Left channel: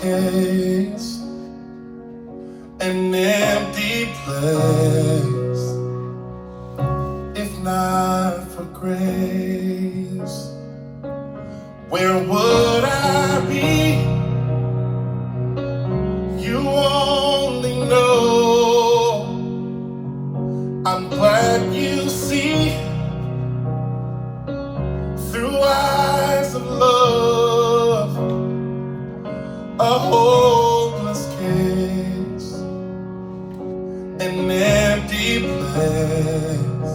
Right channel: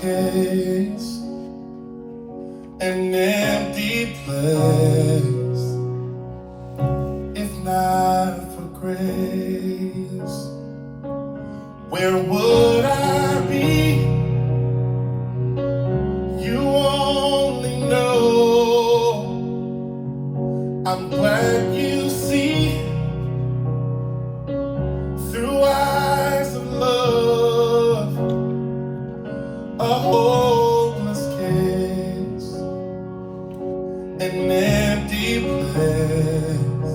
case, an empty place, if not for grace. Where would I be? You only know. I'm glad you see through eyes of love a hopeless case, an empty place,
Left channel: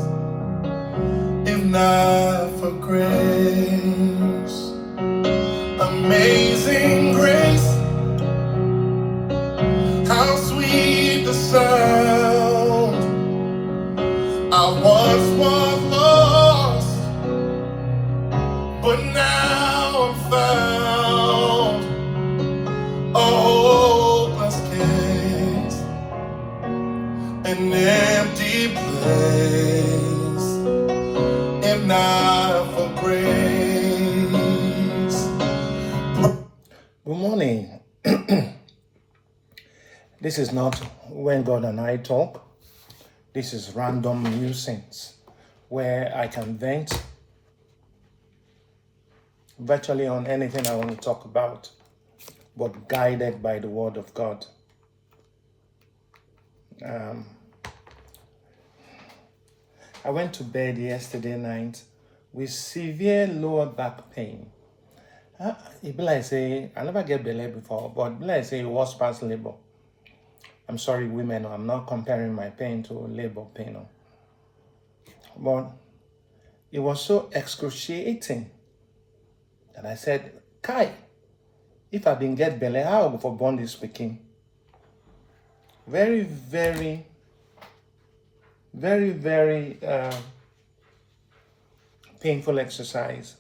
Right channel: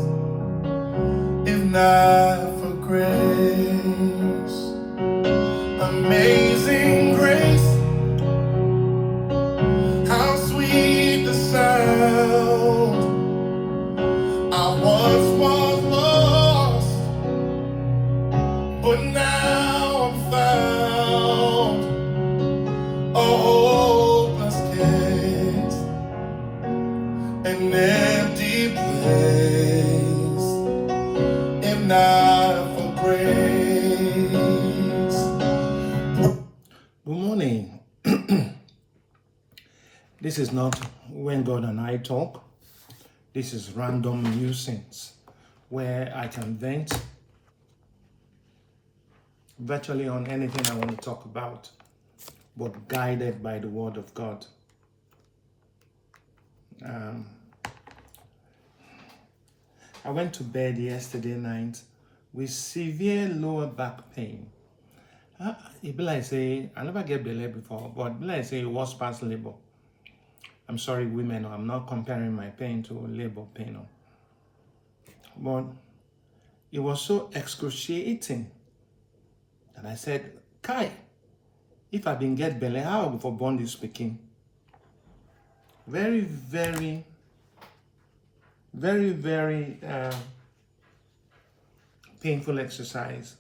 if not for grace. Amazing grace, how sweet the sound. I once was lost, but now I'm found. A hopeless case, an empty place, if not for grace. Good morning. This is not When God and I Talk. This is Random Musings, where I can vent virtually on anything I want to talk about, but guided by the Word of God. I went to bed yesterday night with severe lower back pain. It be like say, I never get belly before, but it be like say it was past labor. I'm sorry, women, I'm not comparing my pain to labor pain. But it was so excruciating that I said, Kai, if I didn't get belly, how I go for born this speaking? Very, very, very, very painful exercise.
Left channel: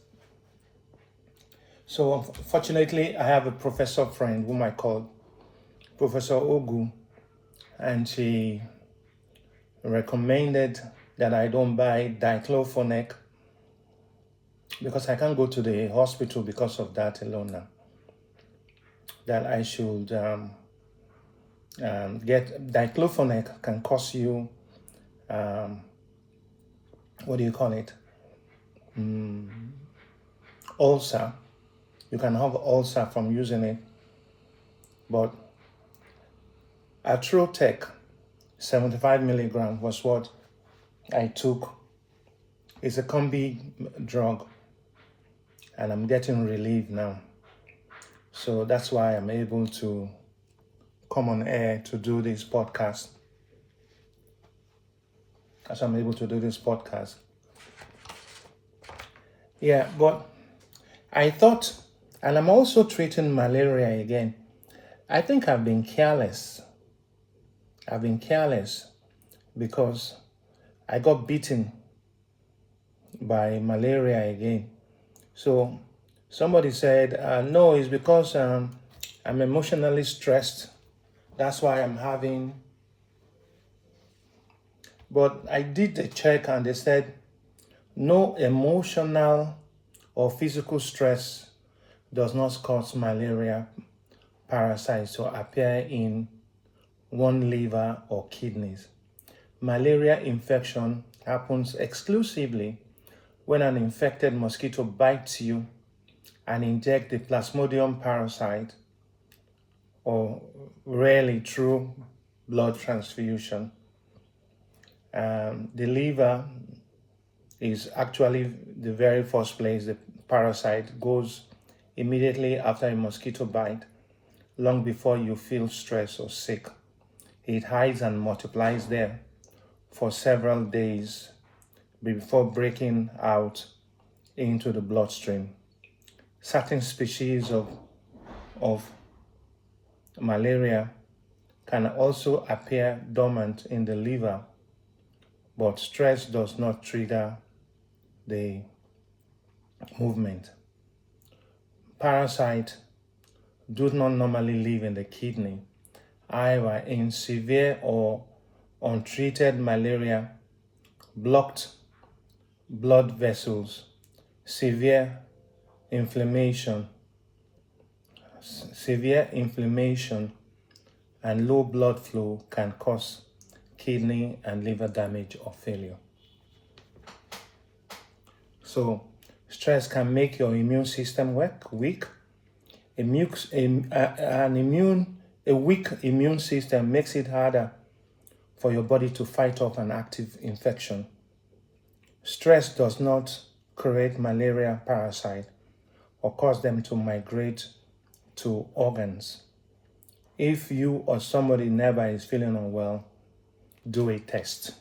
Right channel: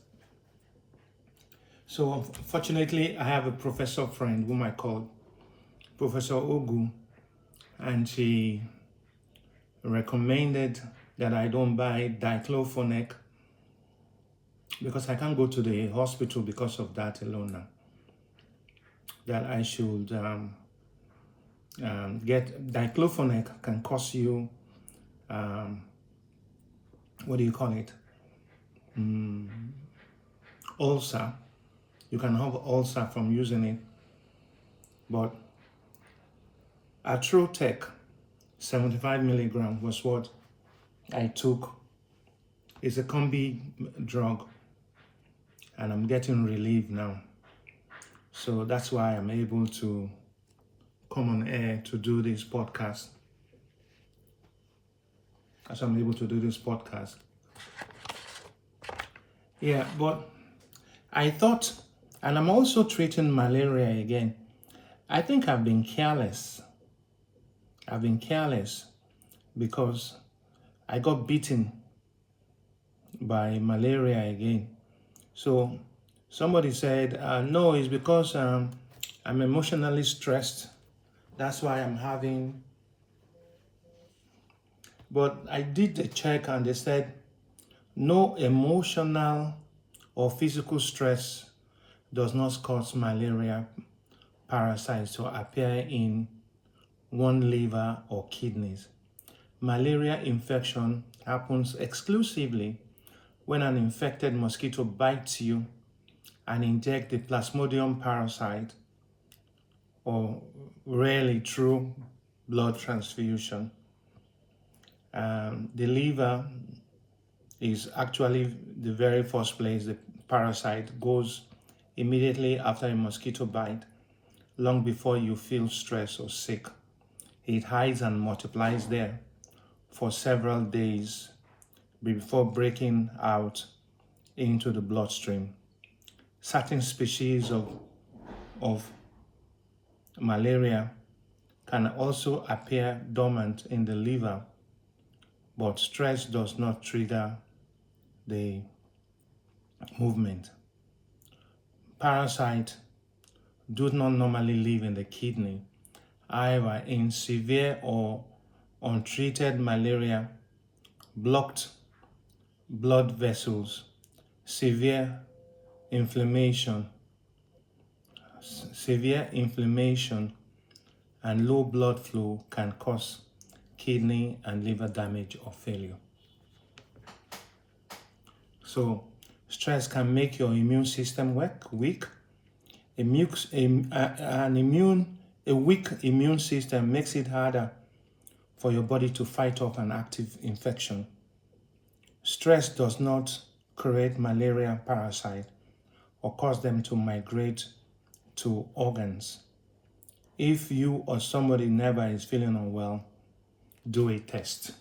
So fortunately, I have a professor friend whom I call Professor Ogu, and she recommended that I don't buy diclofenac because I can't go to the hospital because of that alone now. That I should get diclofenac can cause you, what do you call it? Ulcer. You can have ulcer from using it. But Atrotec 75 milligram was what I took. It's a combi drug, and I'm getting relief now. So that's why I'm able to come on air to do this podcast. As I'm able to do this podcast. Yeah, but I thought, and I'm also treating malaria again. I think I've been careless. Because I got beaten by malaria again. So somebody said, no, it's because I'm emotionally stressed. That's why I'm having. But I did the check and they said, no emotional or physical stress does not cause malaria parasites to appear in one liver or kidneys. Malaria infection happens exclusively when an infected mosquito bites you and injects the Plasmodium parasite, or rarely through blood transfusion. The liver is actually the very first place the parasite goes immediately after a mosquito bite, long before you feel stressed or sick. It hides and multiplies there for several days before breaking out into the bloodstream. Certain species of malaria can also appear dormant in the liver, but stress does not trigger the movement. Parasites do not normally live in the kidney. However, in severe or untreated malaria, blocked blood vessels, severe inflammation, severe inflammation and low blood flow can cause kidney and liver damage or failure. So stress can make your immune system weak. A weak immune system makes it harder for your body to fight off an active infection. Stress does not create malaria parasite or cause them to migrate to organs. If you or somebody nearby is feeling unwell, do a test.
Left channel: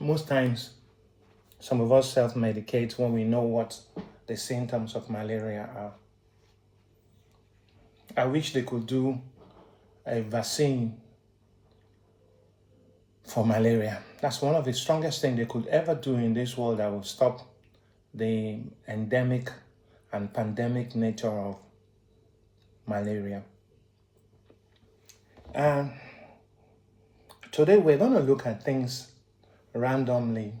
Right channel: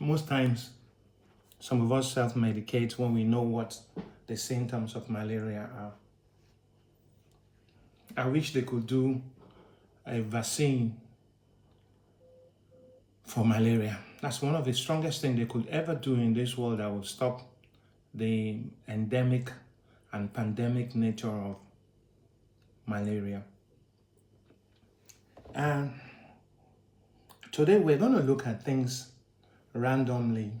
Most times, some of us self-medicate when we know what the symptoms of malaria are. I wish they could do a vaccine for malaria. That's one of the strongest things they could ever do in this world that will stop the endemic and pandemic nature of malaria. And today we're going to look at things randomly.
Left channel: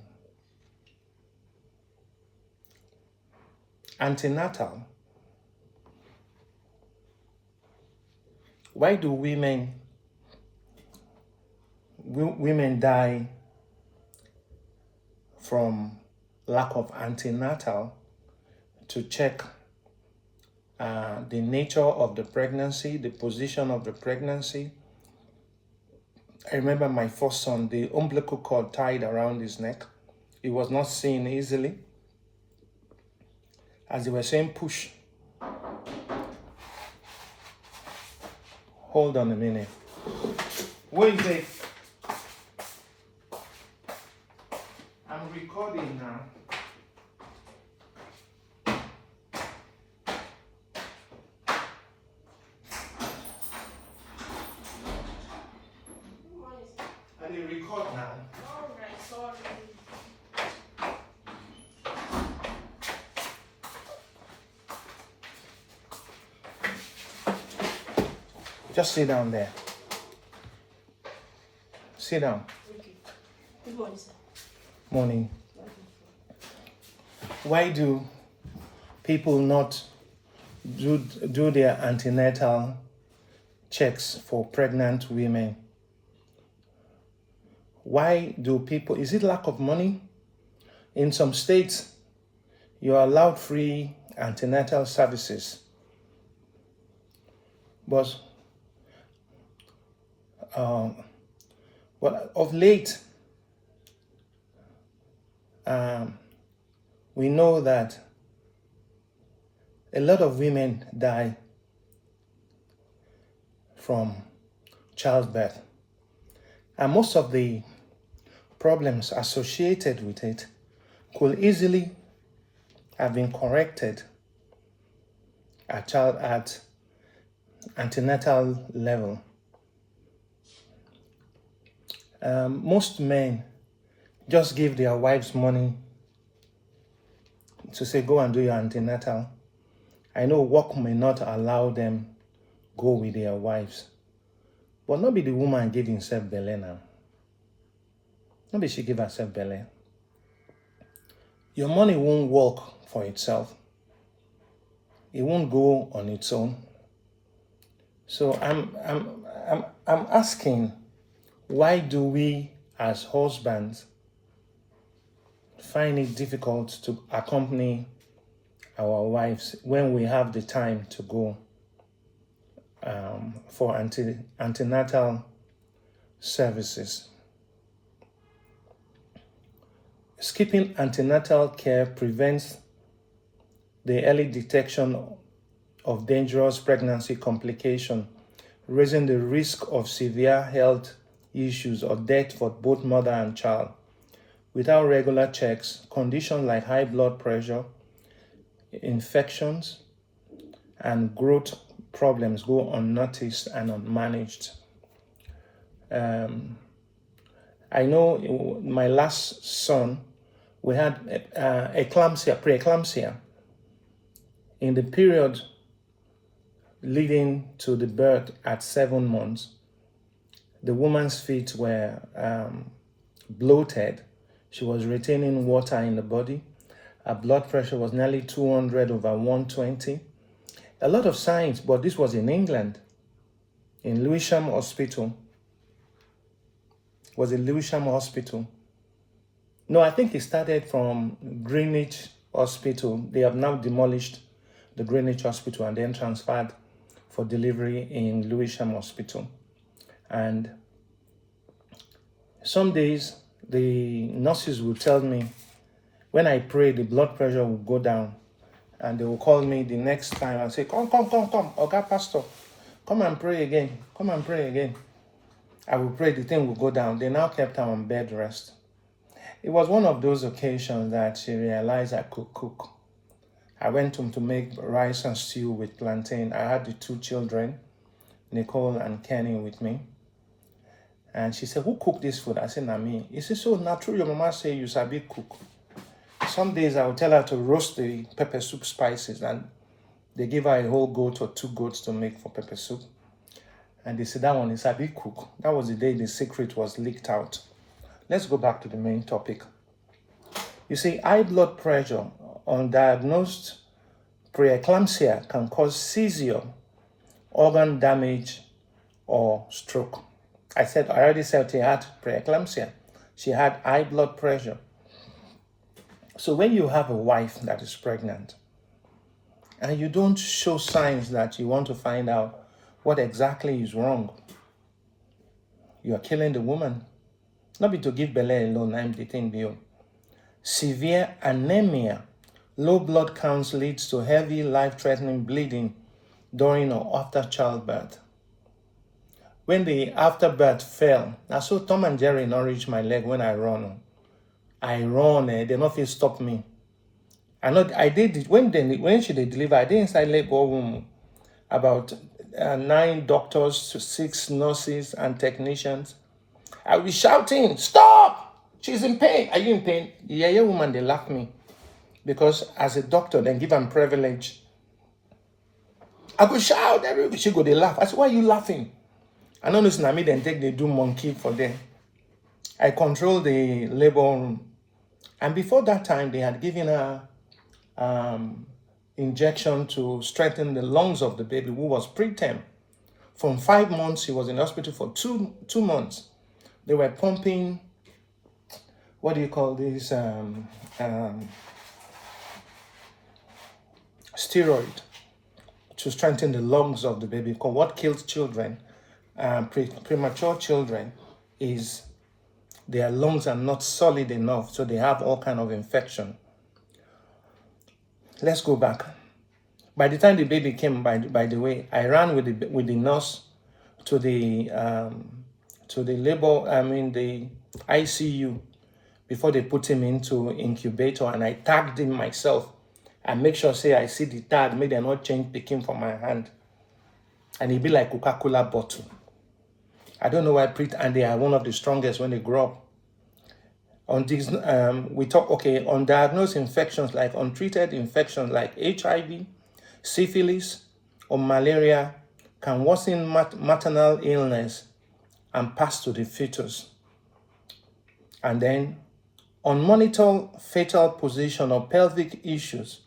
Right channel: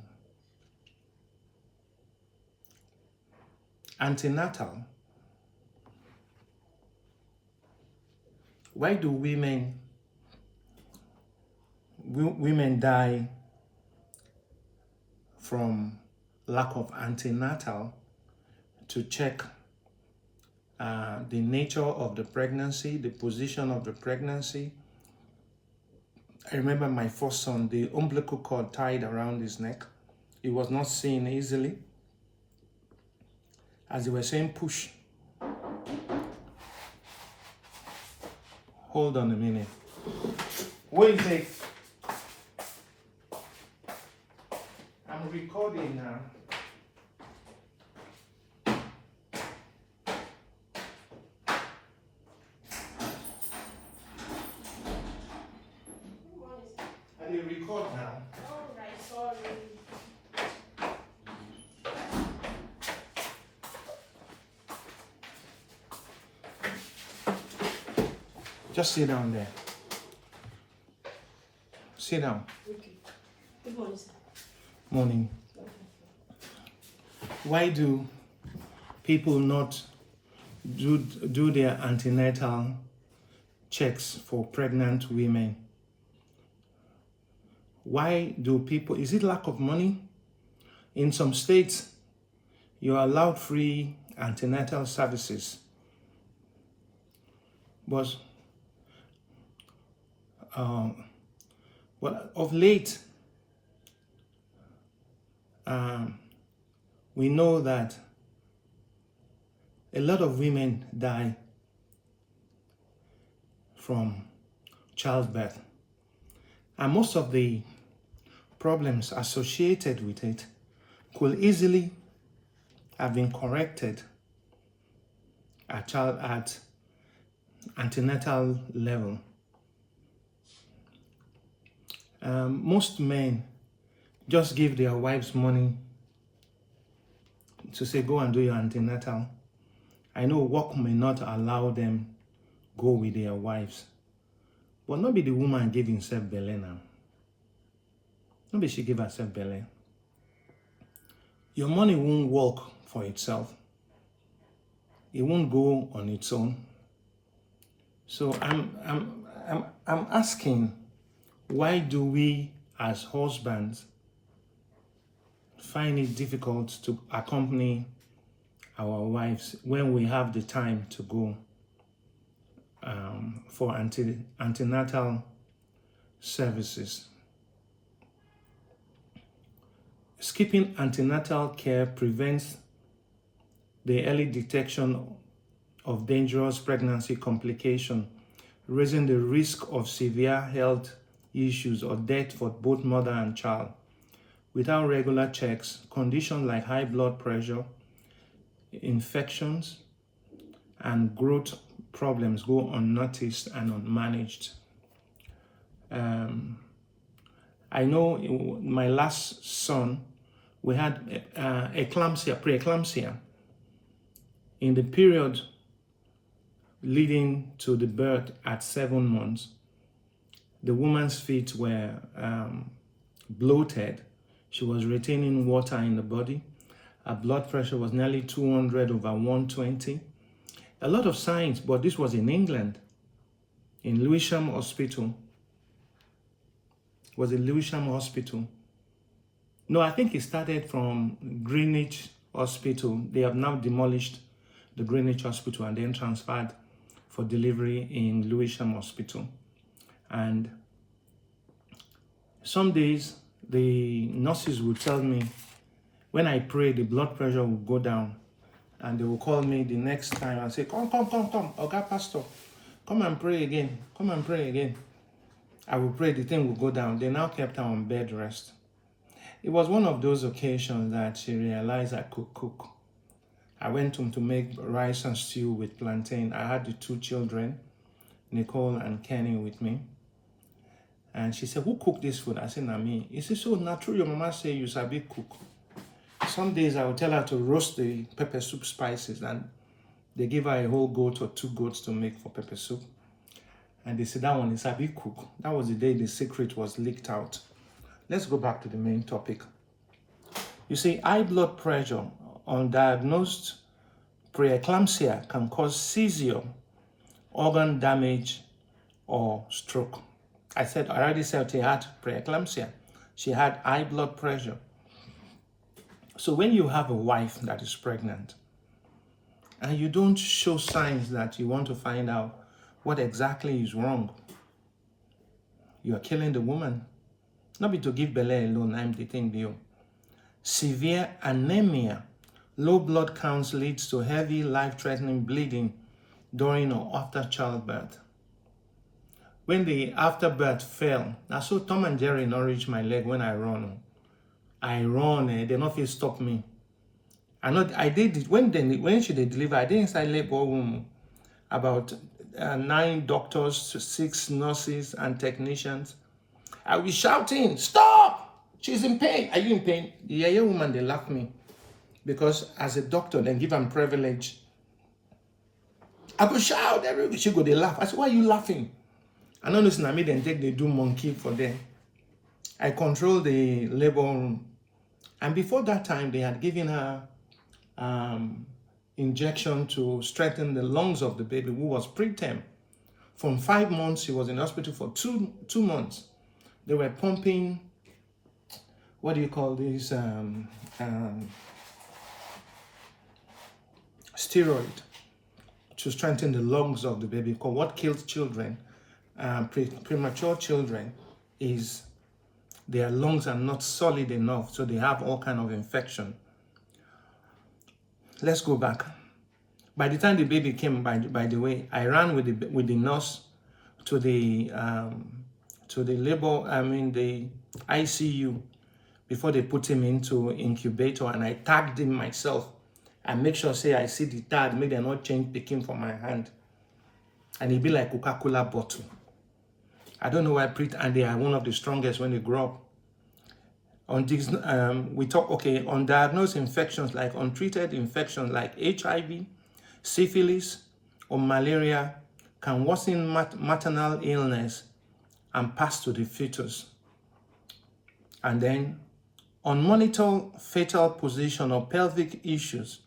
Antenatal. Why do women die from lack of antenatal? To check the nature of the pregnancy, the position of the pregnancy. I remember my first son, the umbilical cord tied around his neck. He was not seen easily. As they were saying, push. Hold on a minute. Wait, wait. I'm recording now. I will record now. All right, sorry. Just sit down there. Sit down. Okay. Good morning, sir. Morning. Why do people not do their antenatal checks for pregnant women? Why do people, is it lack of money? In some states, you are allowed free antenatal services. But of late, we know that a lot of women die from childbirth. And most of the problems associated with it could easily have been corrected at antenatal level. Most men just give their wives money to say, go and do your antenatal. I know work may not allow them go with their wives, but not be the woman give himself belly now. Not be she give herself belly. Your money won't work for itself. It won't go on its own. So I'm asking, why do we as husbands find it difficult to accompany our wives when we have the time to go for antenatal services? Skipping antenatal care prevents the early detection of dangerous pregnancy complications, raising the risk of severe health issues or death for both mother and child. Without regular checks, conditions like high blood pressure, infections, and growth problems go unnoticed and unmanaged. I know my last son, we had preeclampsia. In the period leading to the birth at 7 months, the woman's feet were bloated. She was retaining water in the body. Her blood pressure was nearly 200/120. A lot of signs, but this was in England, in Lewisham Hospital. Was in Lewisham Hospital. No, I think it started from Greenwich Hospital. They have now demolished the Greenwich Hospital and then transferred for delivery in Lewisham Hospital. And some days the nurses will tell me when I pray, the blood pressure will go down, and they will call me the next time and say, come, Oga Pastor, come and pray again, come and pray again. I will pray, the thing will go down. They now kept her on bed rest. It was one of those occasions that she realized I could cook. I went home to make rice and stew with plantain. I had the 2 children, Nicole and Kenny, with me. And she said, who cooked this food? I said, na me. He said, so natural, your mama say you sabi cook. Some days I would tell her to roast the pepper soup spices, and they give her a whole goat or 2 goats to make for pepper soup. And they said, that one is sabi cook. That was the day the secret was leaked out. Let's go back to the main topic. You see, high blood pressure, undiagnosed preeclampsia can cause seizure, organ damage, or stroke. I already said she had preeclampsia. She had high blood pressure. So when you have a wife that is pregnant and you don't show signs that you want to find out what exactly is wrong, you are killing the woman. Not be to give belly alone, I'm the thing deal. Severe anemia, low blood counts leads to heavy, life-threatening bleeding during or after childbirth. When the afterbirth fell, I saw Tom and Jerry not reach my leg when I run. They not feel stop me. I did it when she deliver. I did inside labor room about 9 doctors, 6 nurses and technicians. I will be shouting, stop! She's in pain. Are you in pain? The Yaya woman, they laugh me. Because as a doctor, then give them privilege. I go shout, everybody, she go, they laugh. I said, why are you laughing? I don't listen to me, then take the do monkey for them. I control the labor room. And before that time, they had given her injection to strengthen the lungs of the baby who was preterm. From 5 months, she was in the hospital for 2 months. They were pumping, what do you call this, steroid to strengthen the lungs of the baby. Because what kills children, premature children, is their lungs are not solid enough, so they have all kind of infection. Let's go back. By the time the baby came, by the way, I ran with the nurse to the the ICU before they put him into incubator, and I tagged him myself and make sure say I see the tag, make them not change picking from my hand. And it be like Coca-Cola bottle. I don't know why and they are one of the strongest when they grow up. On these, we talk, okay, undiagnosed infections like untreated infections like HIV, syphilis, or malaria can worsen maternal illness and pass to the fetus. And then unmonitored fetal position or pelvic issues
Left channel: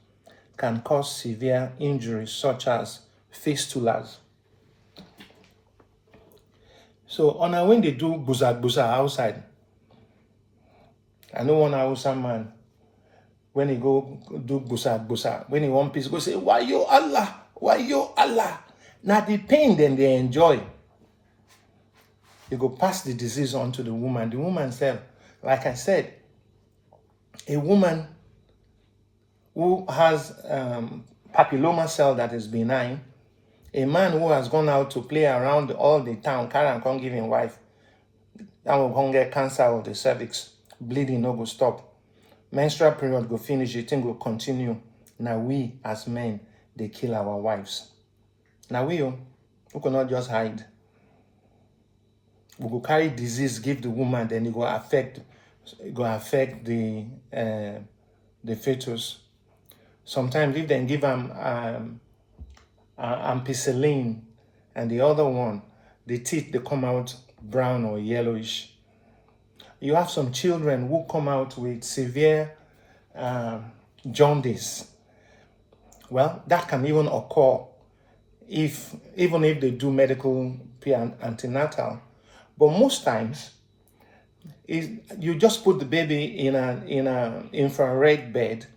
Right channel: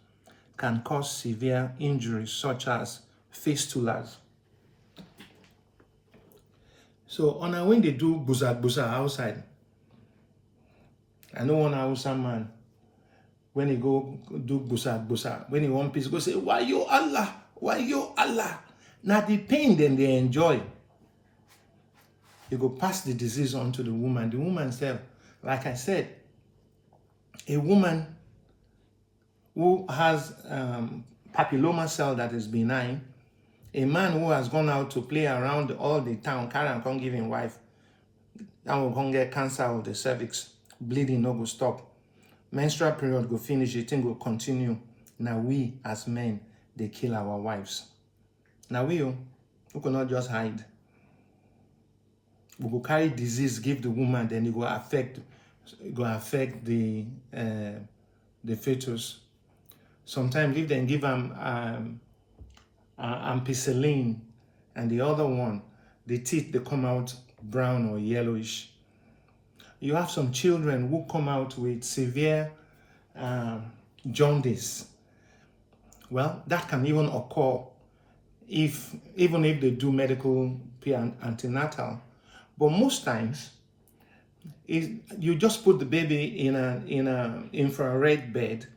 can cause severe injuries such as fistulas. So when they do busa outside, I know one Hausa man, when he go do busa, when he want peace, go say, why you Allah? Why you Allah? Now the pain then they enjoy. They go pass the disease on to the woman. The woman said, like I said, a woman who has papilloma cell that is benign, a man who has gone out to play around all the town, carry and come give him wife, that will come get cancer of the cervix, bleeding no go stop. Menstrual period go finish, the thing will continue. Now we as men, they kill our wives. Now we cannot just hide. We go carry disease, give the woman, then it go affect the fetus. Sometimes if they give them ampicillin and the other one, the teeth they come out brown or yellowish. You have some children who come out with severe jaundice. Well, that can even occur even if they do medical antenatal. But most times, you just put the baby in a infrared bed.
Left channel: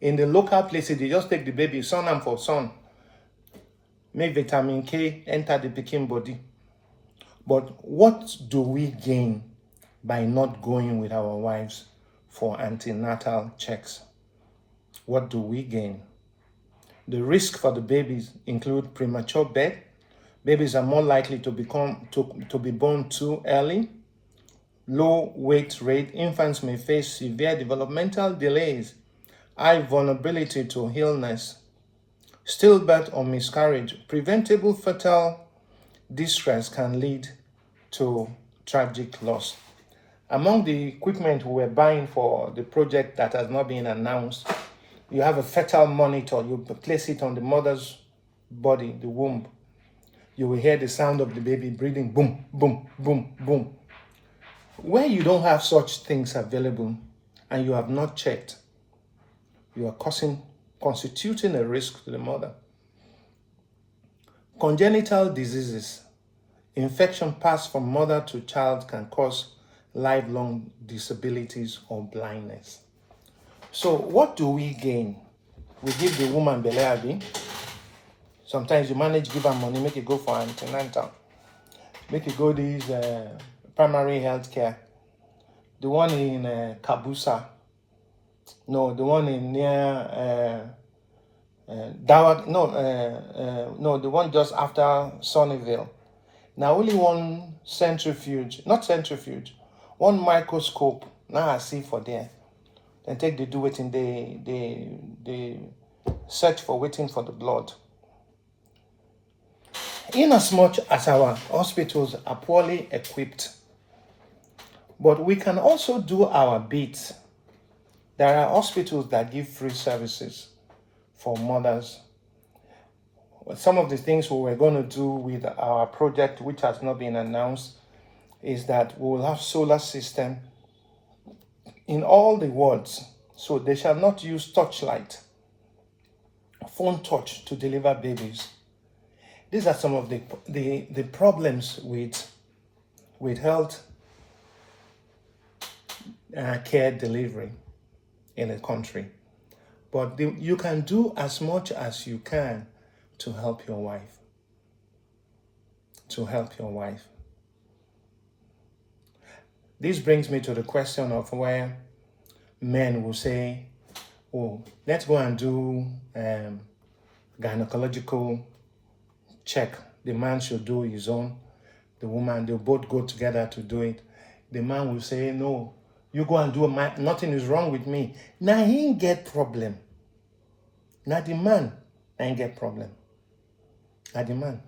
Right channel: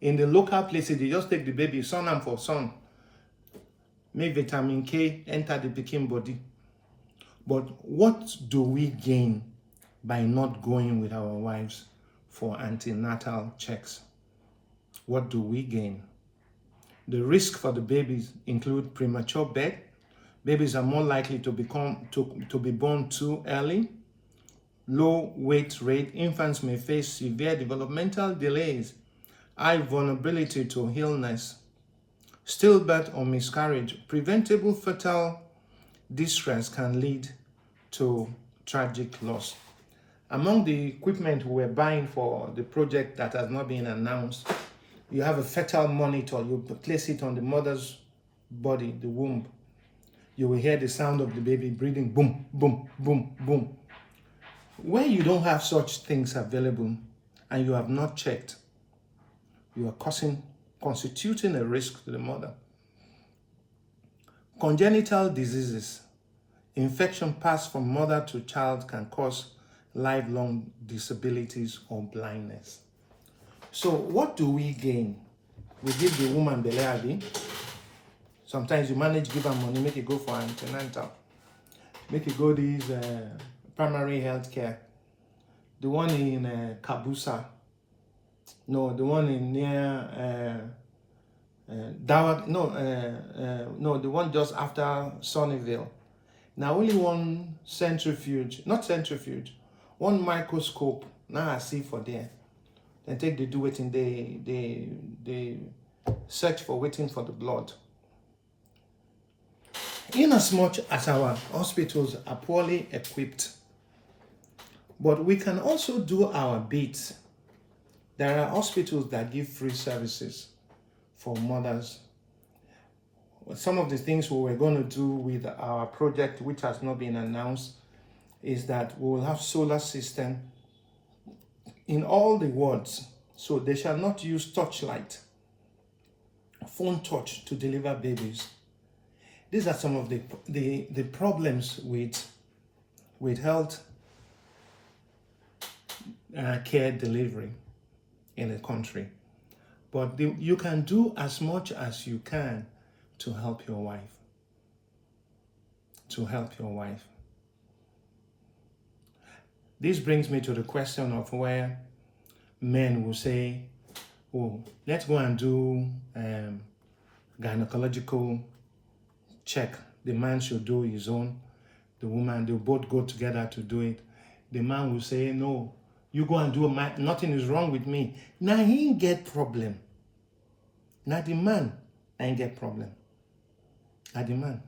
In the local places, you just take the baby, sun and for sun, make vitamin K enter the pikin body. But what do we gain by not going with our wives for antenatal checks? What do we gain? The risk for the babies include premature birth. Babies are more likely to be born too early. Low weight rate. Infants may face severe developmental delays. High vulnerability to illness. Stillbirth or miscarriage. Preventable fetal distress can lead to tragic loss. Among the equipment we were buying for the project that has not been announced, you have a fetal monitor. You place it on the mother's body, the womb. You will hear the sound of the baby breathing, boom, boom, boom, boom. Where you don't have such things available and you have not checked, you are constituting a risk to the mother. Congenital diseases. Infection passed from mother to child can cause lifelong disabilities or blindness. So what do we gain? We give the woman belle abi. Sometimes you manage give her money, make it go for antenatal. Make it go these primary health care. The one in Kabusa. No, the one in near Dawag. No, the one just after Sunnyvale. Now only one one microscope. Now I see for there. Then take they do waiting, they search for waiting for the blood. Inasmuch as our hospitals are poorly equipped, but we can also do our bit. There are hospitals that give free services for mothers. Some of the things we were going to do with our project, which has not been announced, is that we will have solar system in all the wards. So they shall not use torchlight, phone touch to deliver babies. These are some of the problems with health care delivery in a country. But you can do as much as you can to help your wife. This brings me to the question of where men will say, oh, let's go and do gynecological check. The man should do his own. The woman, they'll both go together to do it. The man will say, no, you go and do nothing is wrong with me. Now he ain't get problem. Now the man ain't get problem. Now the man.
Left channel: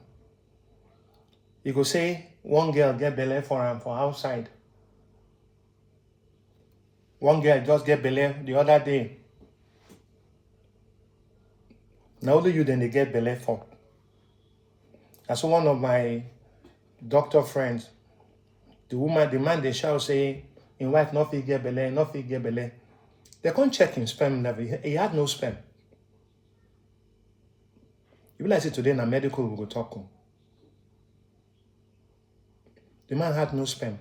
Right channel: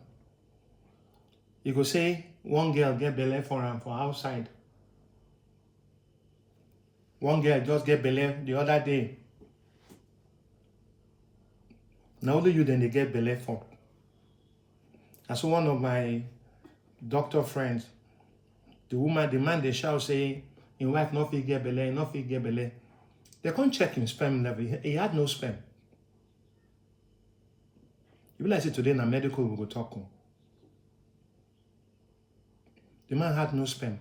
You go say, one girl get belle for him for outside. One girl just get belle the other day. Now only you then they get belle for. That's one of my doctor friends. The man they shall say, in wife not fit get belle. They can't check him sperm level. He had no sperm. You realize it today in a medical we go talk. The man had no sperm.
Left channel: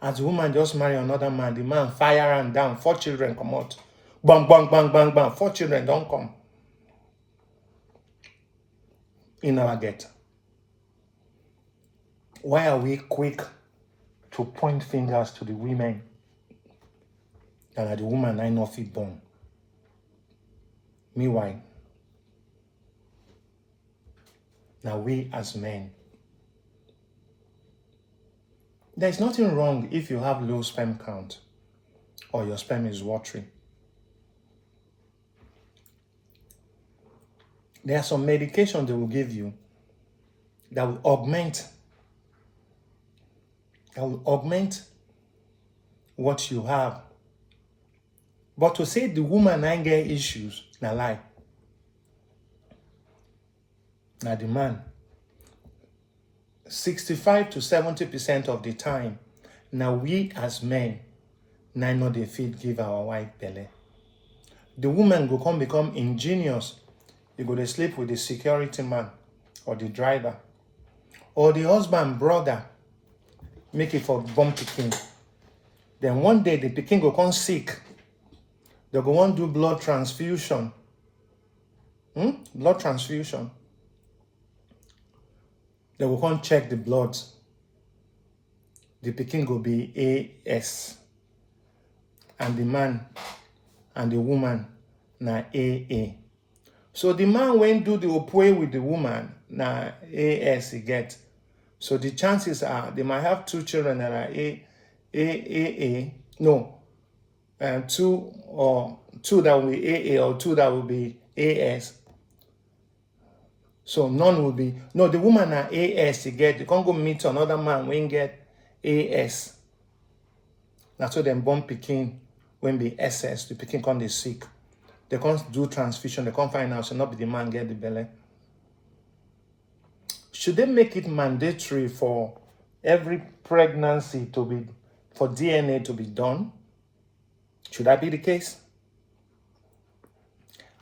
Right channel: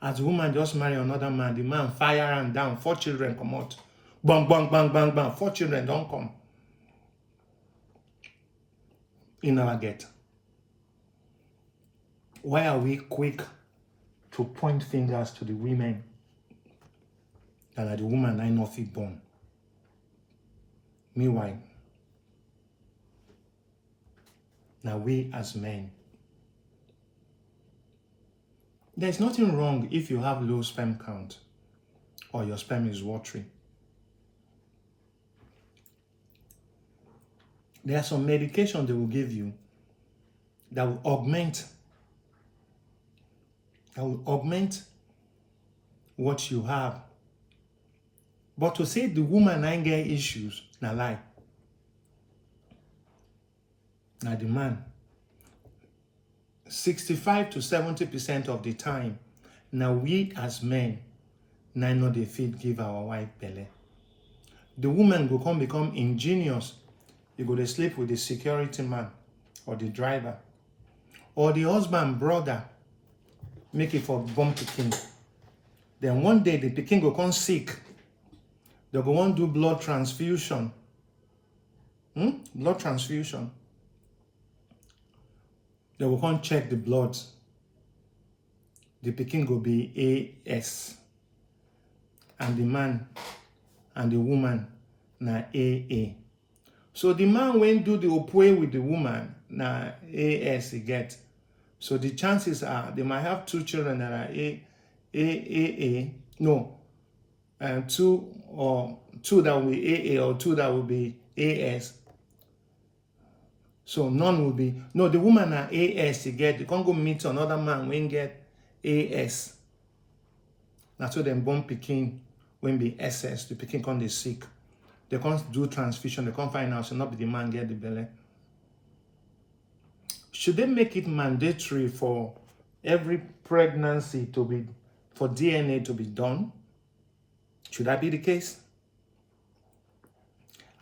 As the woman just marry another man, the man fire and down. 4 children come out. Bang, bang, bang, bang, bang. 4 children don't come. In our get. Why are we quick to point fingers to the women that the woman I not fit born? Meanwhile, now we as men, there's nothing wrong if you have low sperm count or your sperm is watery. There are some medications they will give you that will augment what you have. But to say the woman ain't get issues, na lie. Now the man, 65 to 70% of the time, now we as men, now they fit give our wife belle. The woman go become ingenious you go to sleep with the security man or the driver. Or the husband, brother, make it for born pikin. Then one day the pikin go come sick. They go want do blood transfusion. Blood transfusion. They will come check the blood. The pikin go be AS. And the man and the woman na AA. So the man when do the opwe with the woman na AS he get. So the chances are they might have two children that are AAA. No, two that will be AA or two that will be AS. So none will be, no, the woman are AS, you get, you can't go meet another man when get AS. That's so them born pikin when be SS, the pikin can't be sick. They can't do transfusion, they can't find out, so not be the man get the belly. Should they make it mandatory for every pregnancy to be, for DNA to be done? Should that be the case?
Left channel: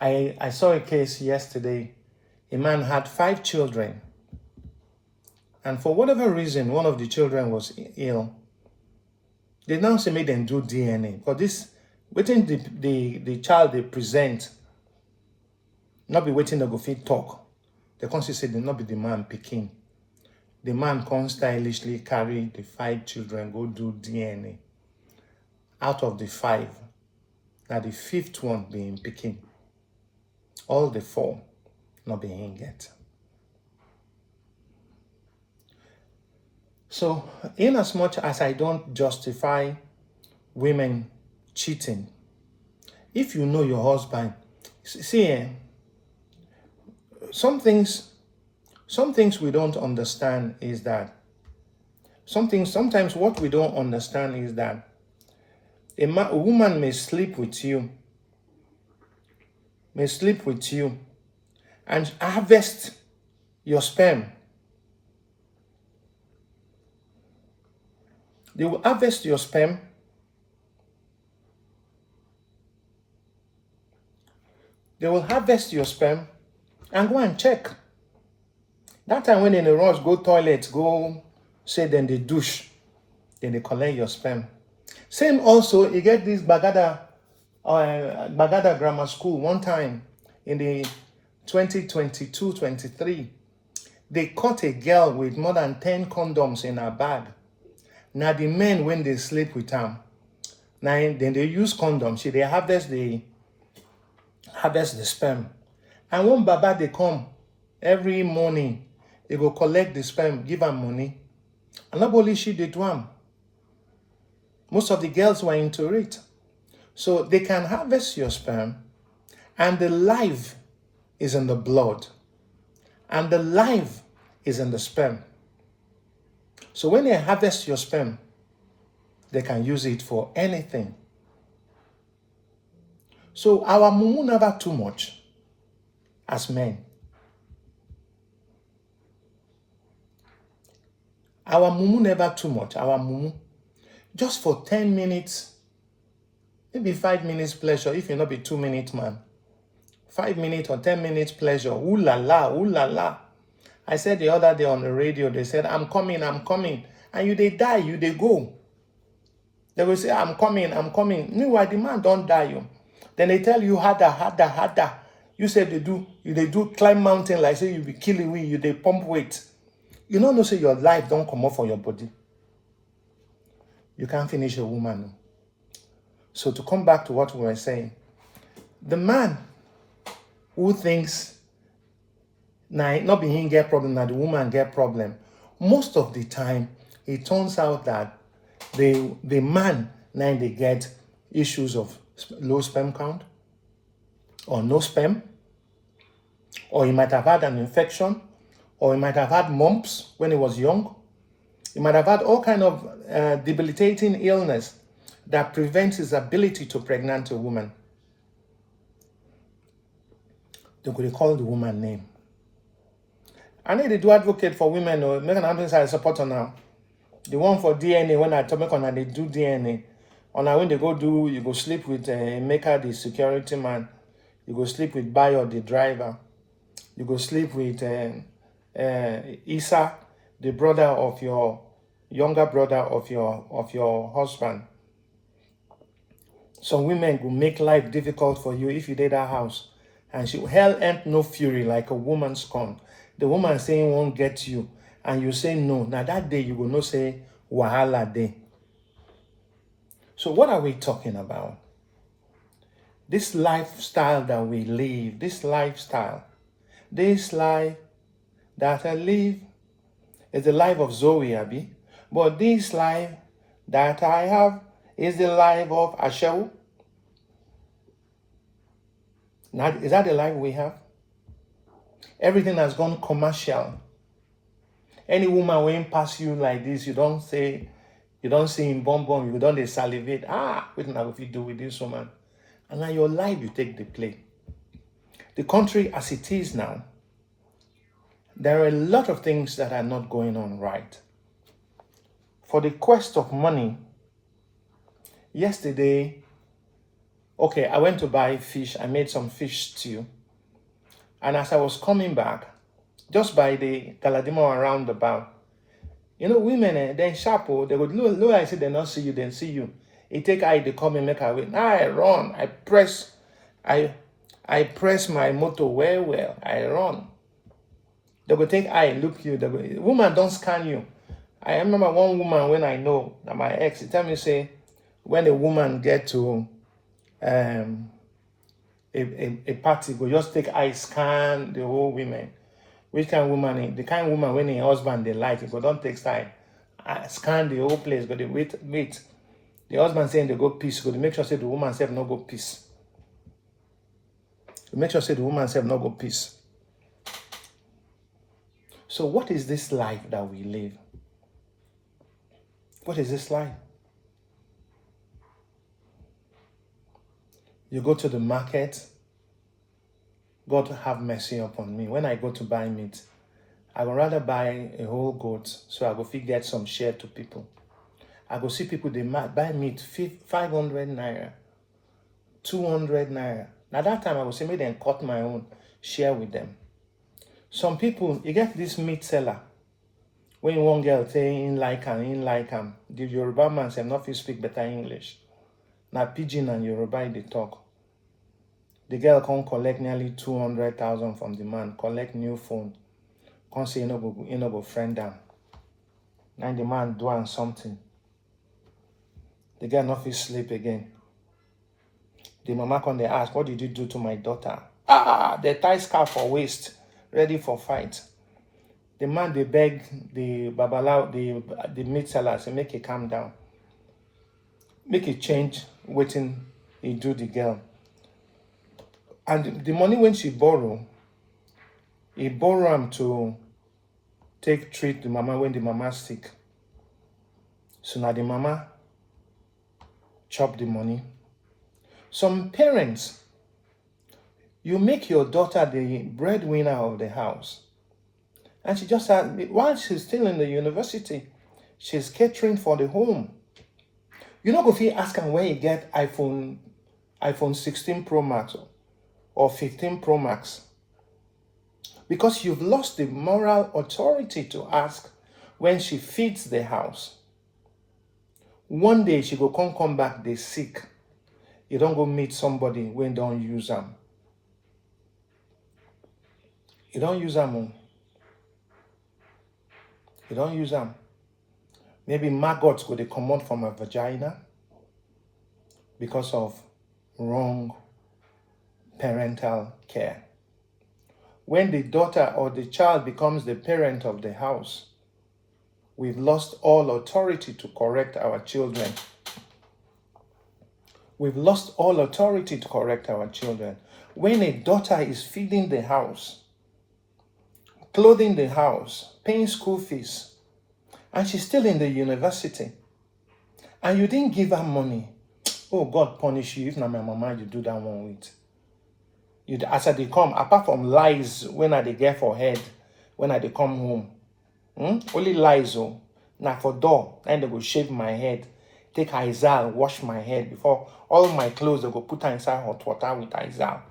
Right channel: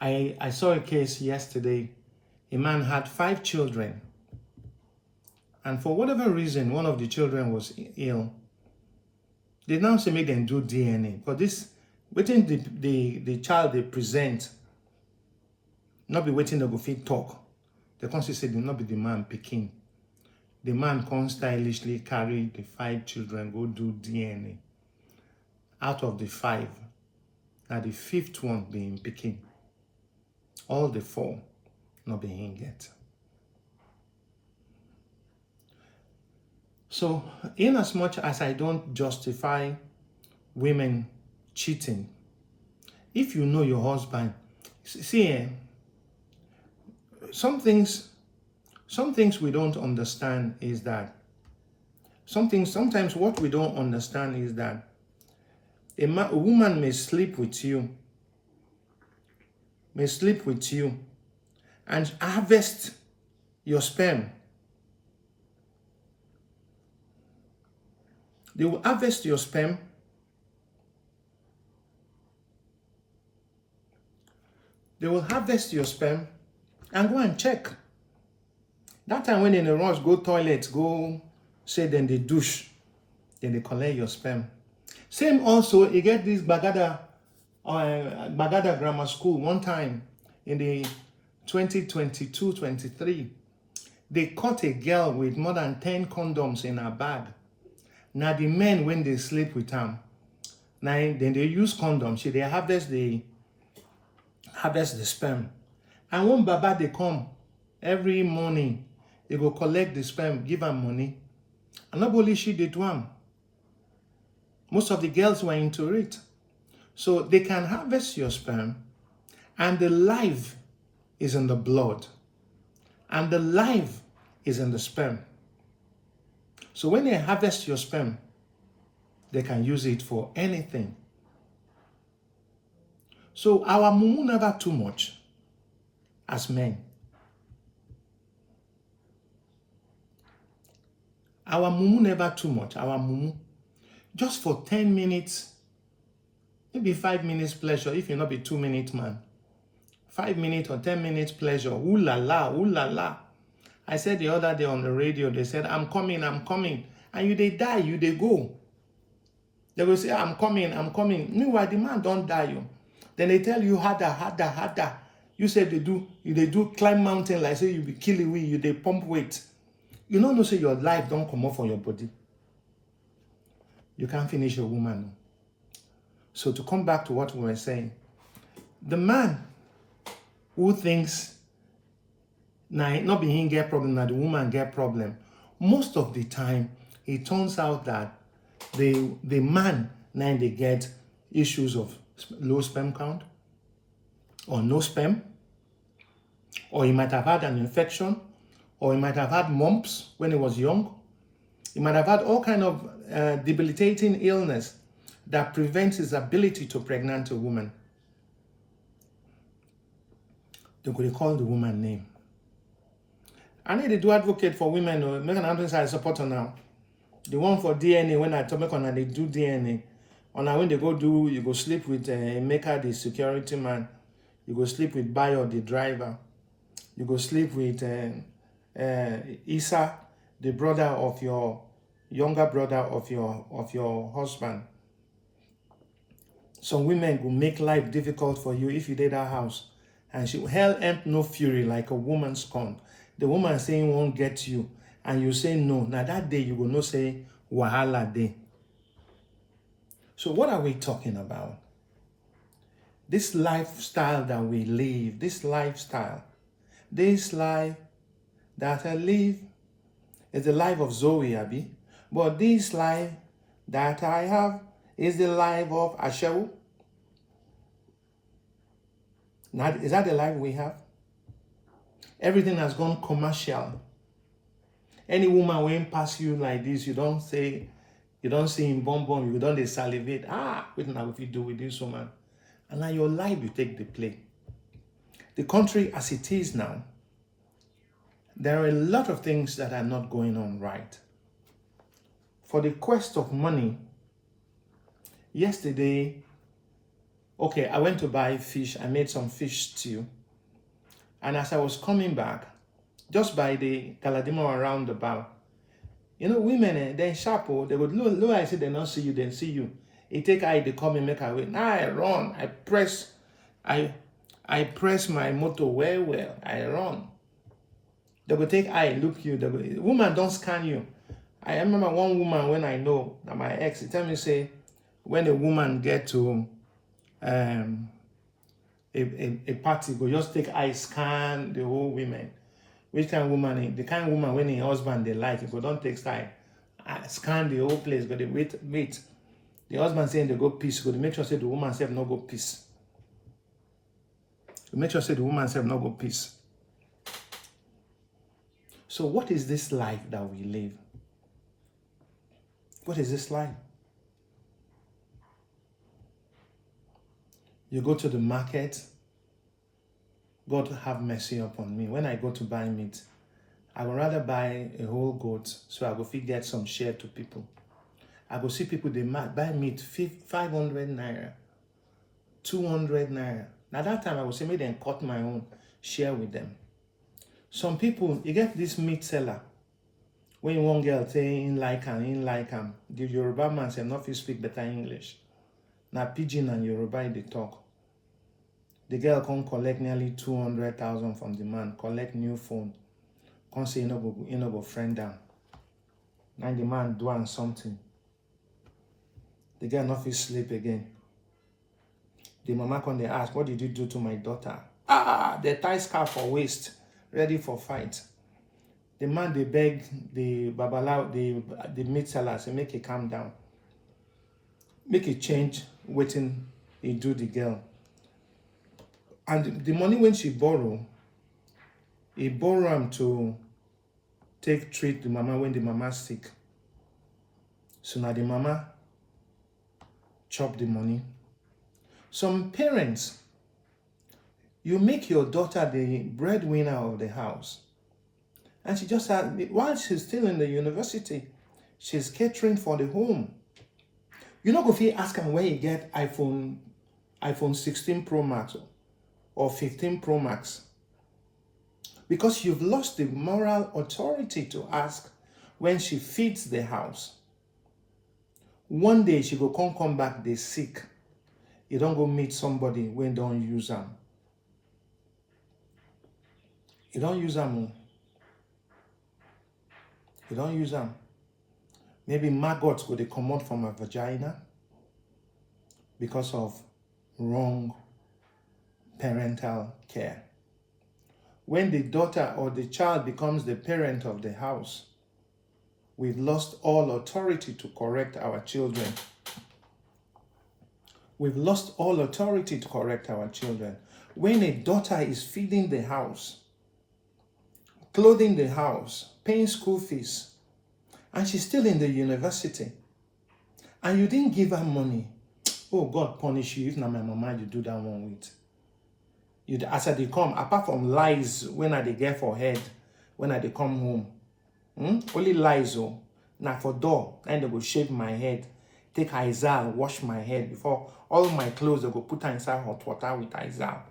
I saw a case yesterday. A man had 5 children. And for whatever reason, one of the children was ill. They now say make them do DNA. But this, waiting the child they present, not be waiting to go fit talk. They can't say they not be the man picking. The man can stylishly carry the 5 children, go do DNA. Out of the 5, now the 5th one being picking. All the 4 not being yet. So, in as much as I don't justify women cheating, if you know your husband, see, some things we don't understand is that sometimes what we don't understand is that a woman may sleep with you, and harvest your sperm. They will harvest your sperm. They will harvest your sperm and go and check. That time when in a rush, go toilet, go say then they douche, then they collect your sperm. Same also, you get this Bagada Grammar School one time in the 2022-23. They caught a girl with more than 10 condoms in her bag. Now the men, when they sleep with them, now then they use condoms. They harvest the sperm. And when Baba they come every morning, they go collect the sperm, give them money. And not only she did one. Most of the girls were into it. So they can harvest your sperm, and the life is in the blood, and the life is in the sperm. So when they harvest your sperm, they can use it for anything. So our mumu never too much as men. Our mumu never too much. Our mumu, just for 10 minutes, maybe 5 minutes pleasure, if you're not be 2 minute man. 5 minutes or 10 minutes pleasure. Ooh la la, ooh la la. I said the other day on the radio, they said, I'm coming. And you they die, you they go. They will say, I'm coming. Meanwhile, the man don't die you. Then they tell you harder. You say they do climb mountain like say you be killing we, you they pump weight. You don't know say your life don't come up from your body. You can't finish a woman. So to come back to what we were saying, the man who thinks now not be him get problem, now the woman get problem, most of the time it turns out that the man now they get issues of low sperm count or no sperm, or he might have had an infection, or he might have had mumps when he was young. He might have had all kind of debilitating illness that prevents his ability to pregnant a woman. They could call the woman name. I need to do advocate for women or make an ambulance I support her now. The one for DNA, when I talk on they do DNA. On when they go do, you go sleep with Emeka, the security man. You go sleep with Bayo, the driver. You go sleep with Isa, the brother of your younger brother of your husband. Some women will make life difficult for you if you did that house. And hell ain't no fury like a woman scorn. The woman saying won't get you, and you say no. Now that day you will not say wahala day. So what are we talking about? This lifestyle that we live, this life that I live is the life of Zoe, Abi. But this life that I have is the life of Ashew. Now, is that the life we have? Everything has gone commercial. Any woman when pass you like this, you don't see him bonbon, you don't salivate. What now if you do with this woman? And now your life, you take the play. The country as it is now, there are a lot of things that are not going on right. For the quest of money, yesterday, okay, I went to buy fish. I made some fish stew. And as I was coming back, just by the Galadima roundabout, women, then sharp, they would look, I say they not see you, then see you. It take eye, they come and make her wait. Now I run, I press my motor well, I run. They will take eye, look you, woman don't scan you. I remember one woman when I know that my ex, he tell me say, when a woman get to a party, go just take eye, scan the whole women. Which kind of woman? The kind of woman when her husband they like, go don't take side. Scan the whole place, go they wait. The husband saying they go peace, go to make sure say the woman self no go peace. To make sure say the woman self no go peace. So what is this life that we live? What is this life? You go to the market. God have mercy upon me. When I go to buy meat, I would rather buy a whole goat so I go get some share to people. I go see people, they buy meat 500 naira, 200 naira. Now that time I would say, make them cut my own, share with them. Some people, you get this meat seller. When one girl say, in like him, the Yoruba man say, not fit speak better English. Now Pidgin and Yoruba, they talk. The girl can collect nearly 200,000 from the man, collect new phone. Can say, you know, go friend down. Now the man doing something. The girl not fit sleep again. The mama can they ask, what did you do to my daughter? They tie scarf for waist, ready for fight. The man, they beg the babalawo, the meat seller, say, make it calm down. Make it change, waiting, he do the girl. And the money when she borrow, he borrow him to treat the mama when the mama sick. So now the mama chop the money. Some parents, you make your daughter the breadwinner of the house. And she just had, while she's still in the university, she's catering for the home. You know, if you ask him where he get iPhone 16 Pro Max or 15 Pro Max. Because you've lost the moral authority to ask when she feeds the house. One day she go come back, they sick. You don't go meet somebody when don't use them. You don't use them. You don't use them. Maybe maggots go they come out from a vagina because of wrong parental care. When the daughter or the child becomes the parent of the house, we've lost all authority to correct our children. We've lost all authority to correct our children. When a daughter is feeding the house, clothing the house, paying school fees, and she's still in the university, and you didn't give her money, oh, God punish you if not my mama you do that one with. You, as I they come, apart from lies when I they get for head, when I they come home, only lies, oh, now for door, and they go shave my head, take Izal, wash my head before all my clothes they go put inside hot water with Izal.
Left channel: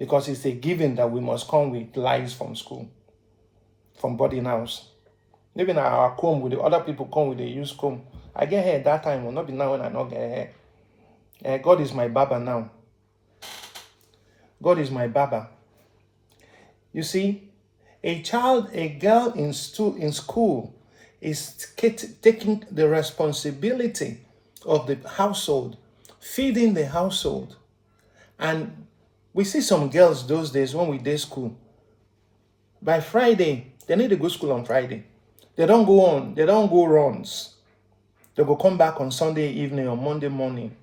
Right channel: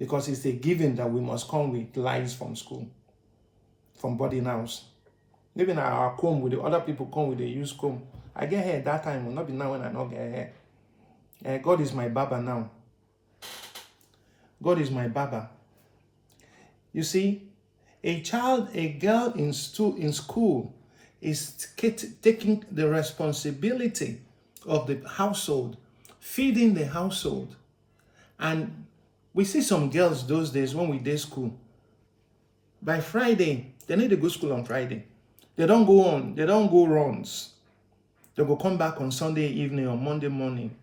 because it's a given that we must come with lies from school, from boarding house. Maybe now our comb with the other people come with the used comb. I get hair that time, will not be now when I not get hair. God is my barber now. God is my barber. You see, a girl in school is taking the responsibility of the household, feeding the household. And we see some girls those days when we did school. By Friday, they need to go to school on Friday. They don't go runs. They will come back on Sunday evening or Monday morning.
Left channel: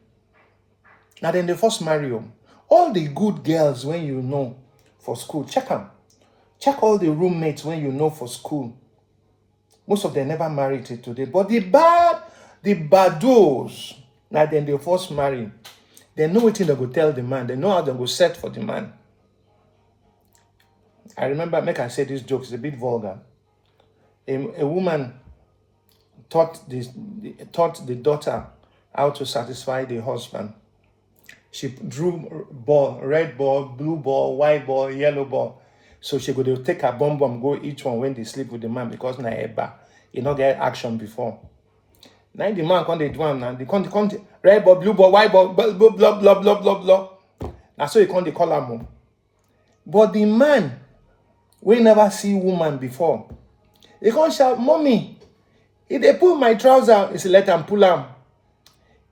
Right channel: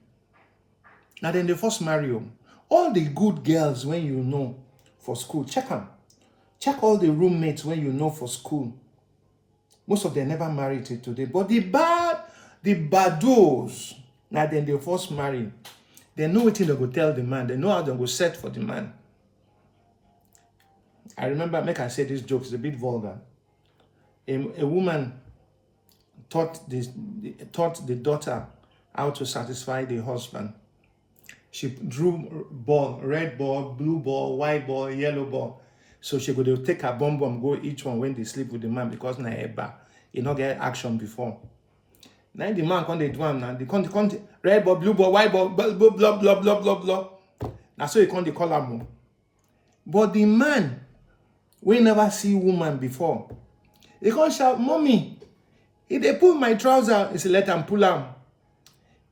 Now then they first marry them. All the good girls when you know for school, check them. Check all the roommates when you know for school. Most of them never married till today. But the bados, now then they first marry. They know what they go tell the man. They know how they go set for the man. I remember, make I say this joke, it's a bit vulgar. A woman taught the daughter how to satisfy the husband. She drew ball, red ball, blue ball, white ball, yellow ball. So she could take her bomb, go each one when they sleep with the man because na eba, he not get action before. Now the man can't do one now. They can't red ball, blue ball, white ball, blah blah blah blah blah blah blah. Now so he can't call her mom. But the man, we never see woman before. He can't shout, "Mommy, if they pull my trouser, he say let him pull him.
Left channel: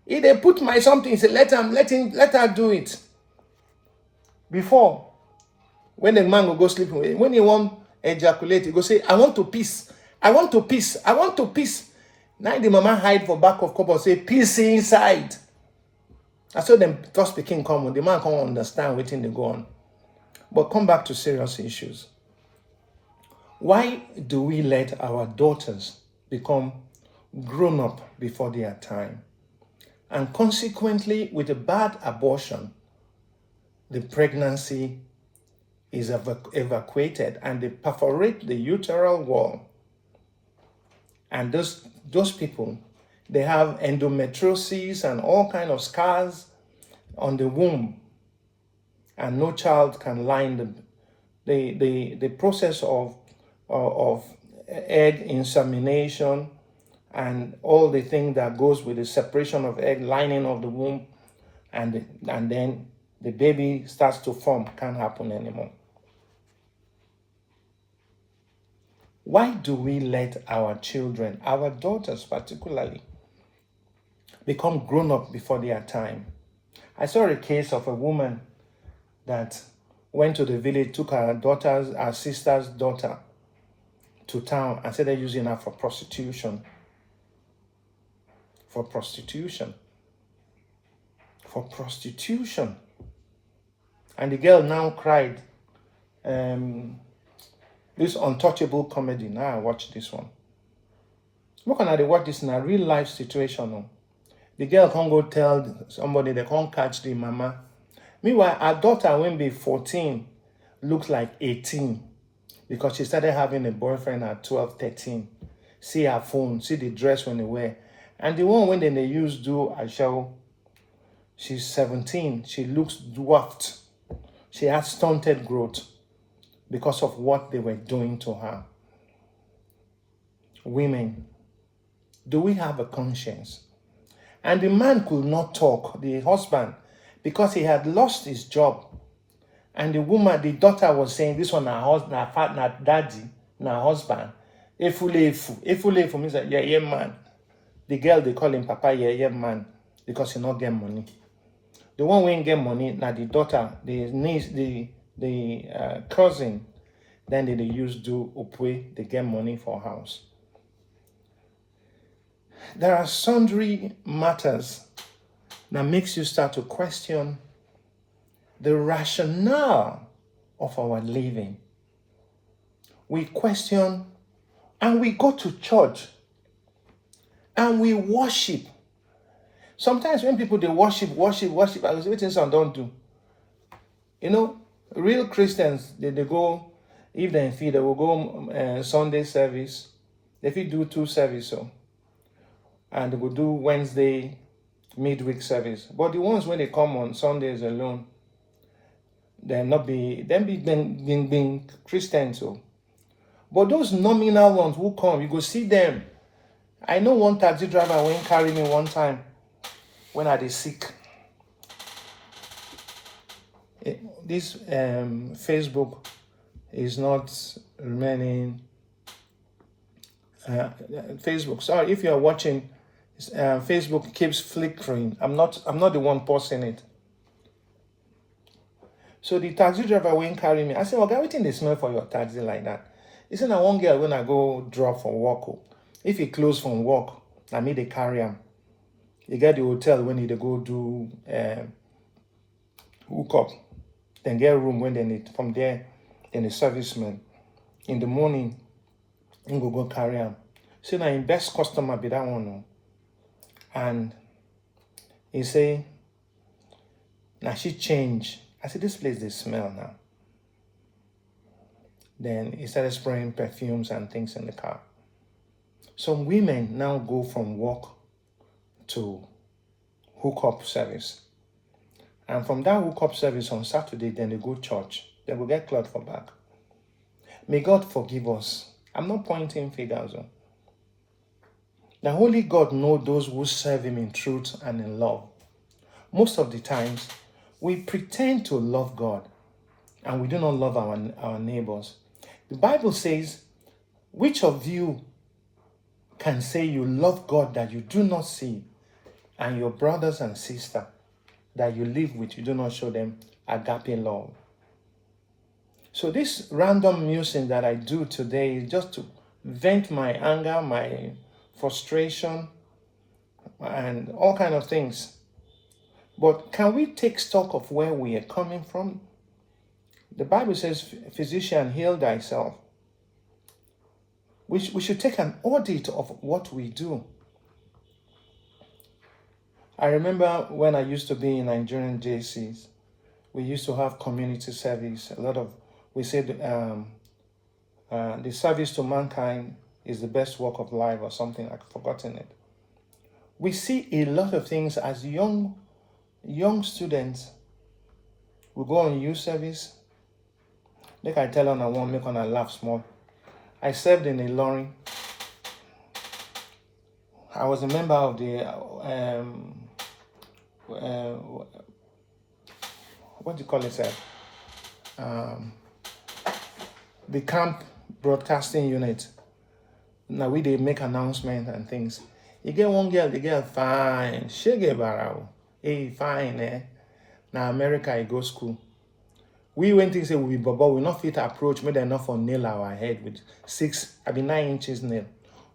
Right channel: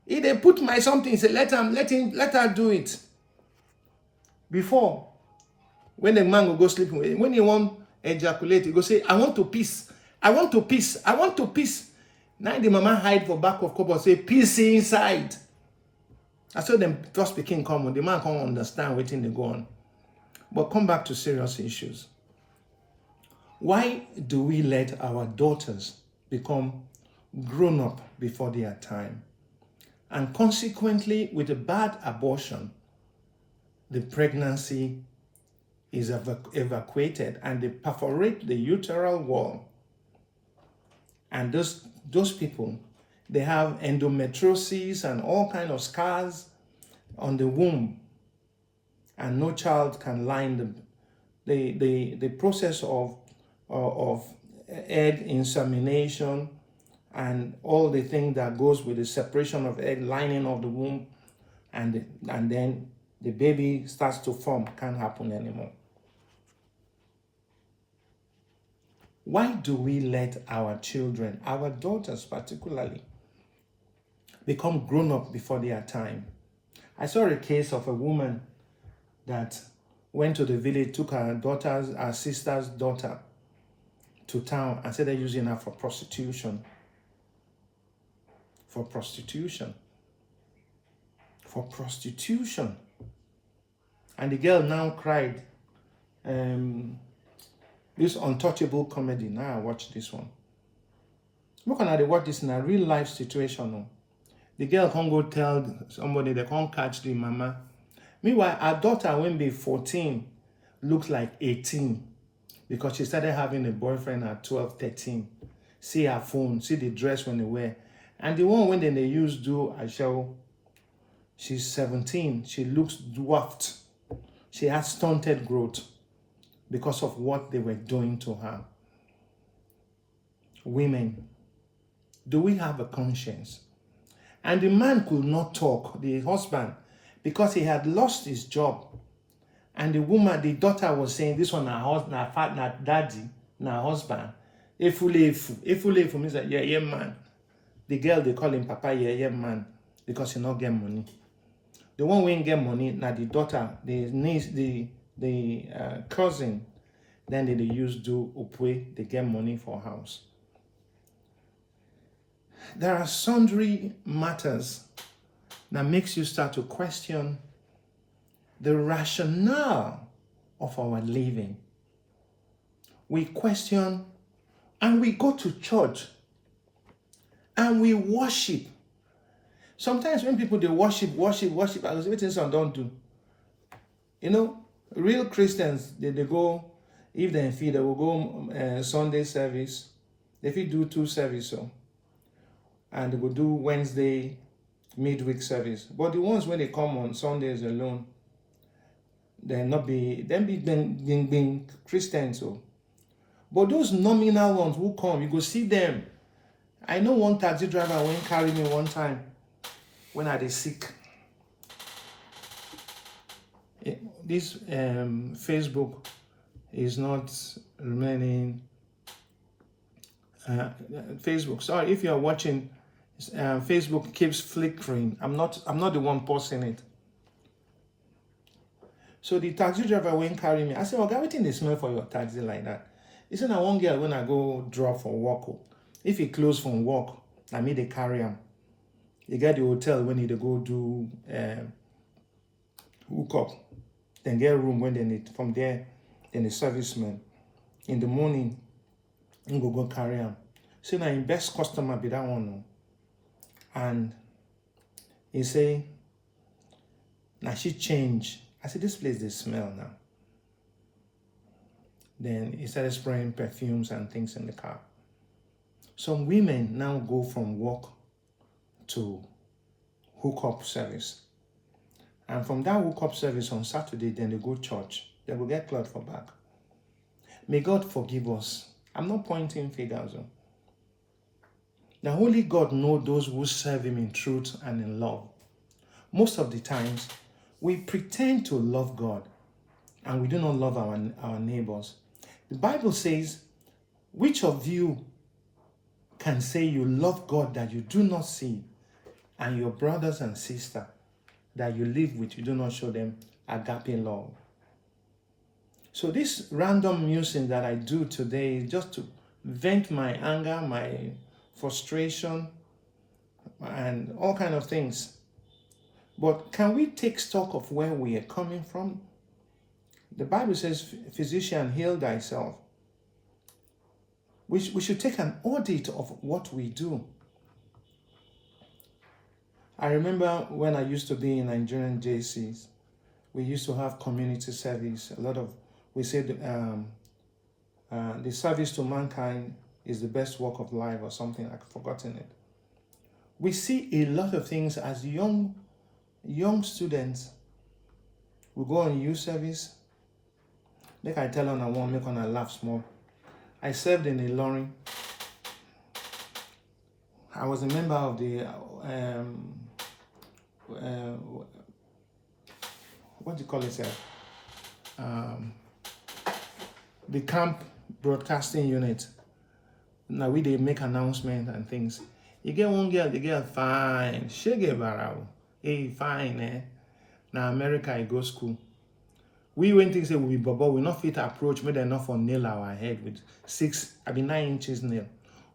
If they put my something, he say let her do it." Before, when the man will go sleep, when he want ejaculate, he go say, "I want to piss. I want to piss. I want to piss." Now the mama hide for back of cupboard, say, "Piss inside." I saw them first speaking common. The man can't understand waiting they go on. But come back to serious issues. Why do we let our daughters become grown up before their time? And consequently, with a bad abortion, the pregnancy is evacuated and they perforate the uterine wall. And those people, they have endometriosis and all kinds of scars on the womb. And no child can line the process of egg insemination and all the things that goes with the separation of egg, lining of the womb, and then the baby starts to form, can't happen anymore. Why do we let our children, our daughters particularly, become grown up before their time? I saw a case of a woman that went to the village, took her sister's daughter to town and said they're using her for prostitution. For prostitution. And the girl now cried. This untouchable comedy. Now I watch this one. Look at they watch this in a real life situation. No? The girl can't go tell somebody, they can't catch the mama. Meanwhile, her daughter, when be 14, looks like 18 because she started having a boyfriend at 12, 13. See her phone, see the dress when they wear. And the one when they use do a show, she's 17. She looks dwarfed. She has stunted growth because of what they were doing to her. Women, do we have a conscience? And the man could not talk, the husband, because he had lost his job. And the woman, the daughter was saying, this one, her partner, daddy, her husband. Efule means that, yeah, man. The girl, they call him Papa, yeah, man, because he not get money. The one who ain't get money, now the daughter, the niece, the cousin, then they use do upwe, they get money for house. There are sundry matters that makes you start to question the rationale of our living. We question and we go to church and we worship. Sometimes when people they worship, I was waiting some don't do. You know, real Christians, they go, if they feel they will go Sunday service, they will do 2 services. So. And they will do Wednesday midweek service. But the ones when they come on Sundays alone, Then not be then being Christians. So, but those nominal ones who come, you go see them. I know one taxi driver went carry me one time when I was sick. This Facebook is not remaining. Facebook. Sorry, if you're watching, Facebook keeps flickering. I'm not the one posting it. So the taxi driver went carry me. I said, "Okay, everything they smell for your taxi like that." He said, "Now one girl when I go drop for work. If he close from work, I mean they carry him. You get the hotel when they go do hook up, then get room when they need. From there, then the serviceman in the morning, he go carry him. So now in best customer be that one, and he say, now she change. I said, this place they smell now. Then he started spraying perfumes and things in the car. Some women now go from work to hookup service. And from that hookup service on Saturday, then they go church. They will get cloth for back. May God forgive us. I'm not pointing fingers. Now, only God knows those who serve him in truth and in love. Most of the times, we pretend to love God and we do not love our neighbors. The Bible says, which of you can say you love God that you do not see, and your brothers and sisters that you live with, you do not show them agape love? So this random musing that I do today is just to vent my anger, my frustration, and all kinds of things. But can we take stock of where we are coming from? The Bible says, physician, heal thyself. We should take an audit of what we do. I remember when I used to be in Nigerian JCs, we used to have community service. We said the service to mankind is the best work of life or something. I've forgotten it. We see a lot of things as young students. We go on youth service. Like I tell on I won't make on a laugh small. I served in a lorry. I was a member of the what do you call it, sir? The camp broadcasting unit. Now they make announcements and things. You get one girl, the girl fine. She get barao. Hey, fine, eh? Now America, you go school. We went to say we be baba, we not fit approach, made enough for nail our head with 9 inches nail.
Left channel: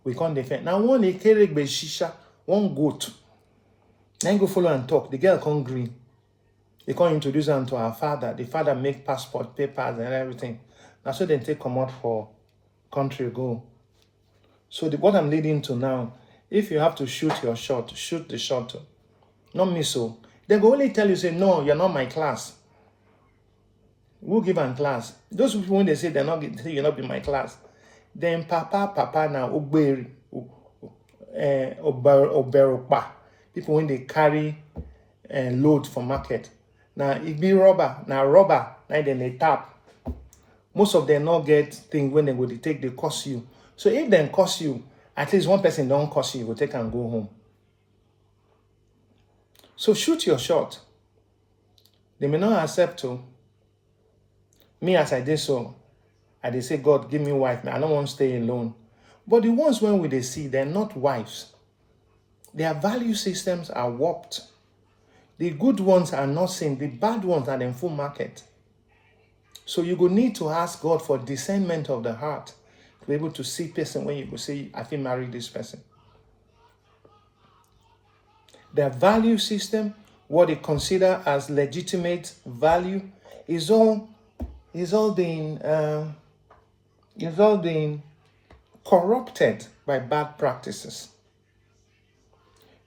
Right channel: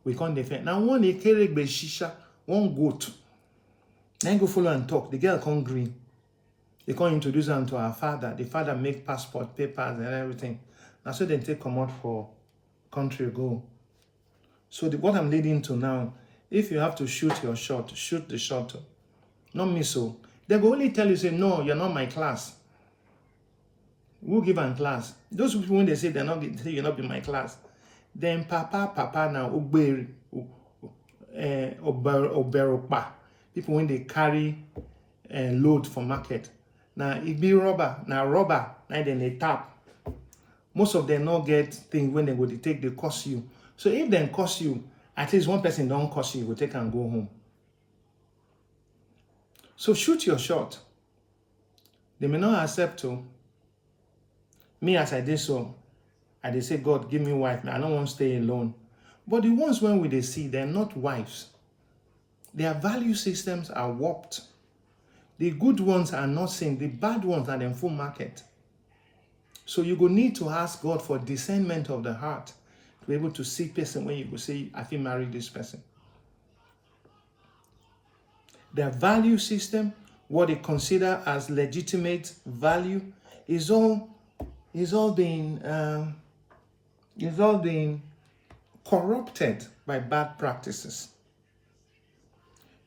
We can't defend. Now one they carry be shisha, one goat. Then go follow and talk. The girl come green. They can't introduce them to our father. The father make passport, papers, and everything. That's so they take come out for country go. So what I'm leading to now, if you have to shoot your shot, shoot the shot. Not me so. They will only tell you, say, no, you're not my class. Who give them class? Those people, when they say they're not, say you're not in my class, then papa now, oberopa. People when they carry load for market. Now it be rubber, now then they tap. Most of them not get things when they go to take, they cost you. So if they cost you, at least one person don't cost you, you will take and go home. So shoot your shot. They may not accept to. Me as I did so, I did say, God, give me wife. Now I don't want to stay alone. But the ones when they see, they're not wives. Their value systems are warped. The good ones are not seen. The bad ones are in full market. So you go need to ask God for discernment of the heart to be able to see person when you go say, I feel married this person. Their value system, what they consider as legitimate value, is all being corrupted by bad practices.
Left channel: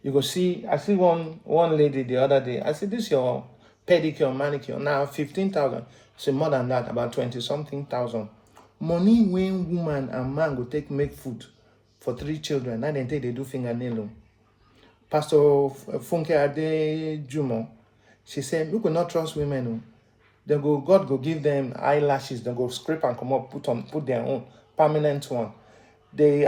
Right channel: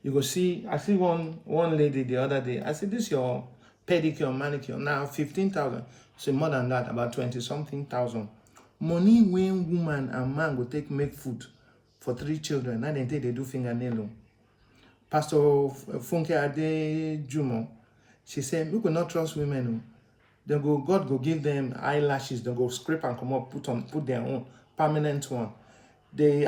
You go see, I see one lady the other day. I said, this is your pedicure, manicure. Now 15,000. So more than that, about 20-something thousand. Money when woman and man go make food for 3 children. Now they do fingernail. Pastor Funke Ade Jumo, she said, we could not trust women. God go give them eyelashes, they go scrape and come up, put their own permanent one. The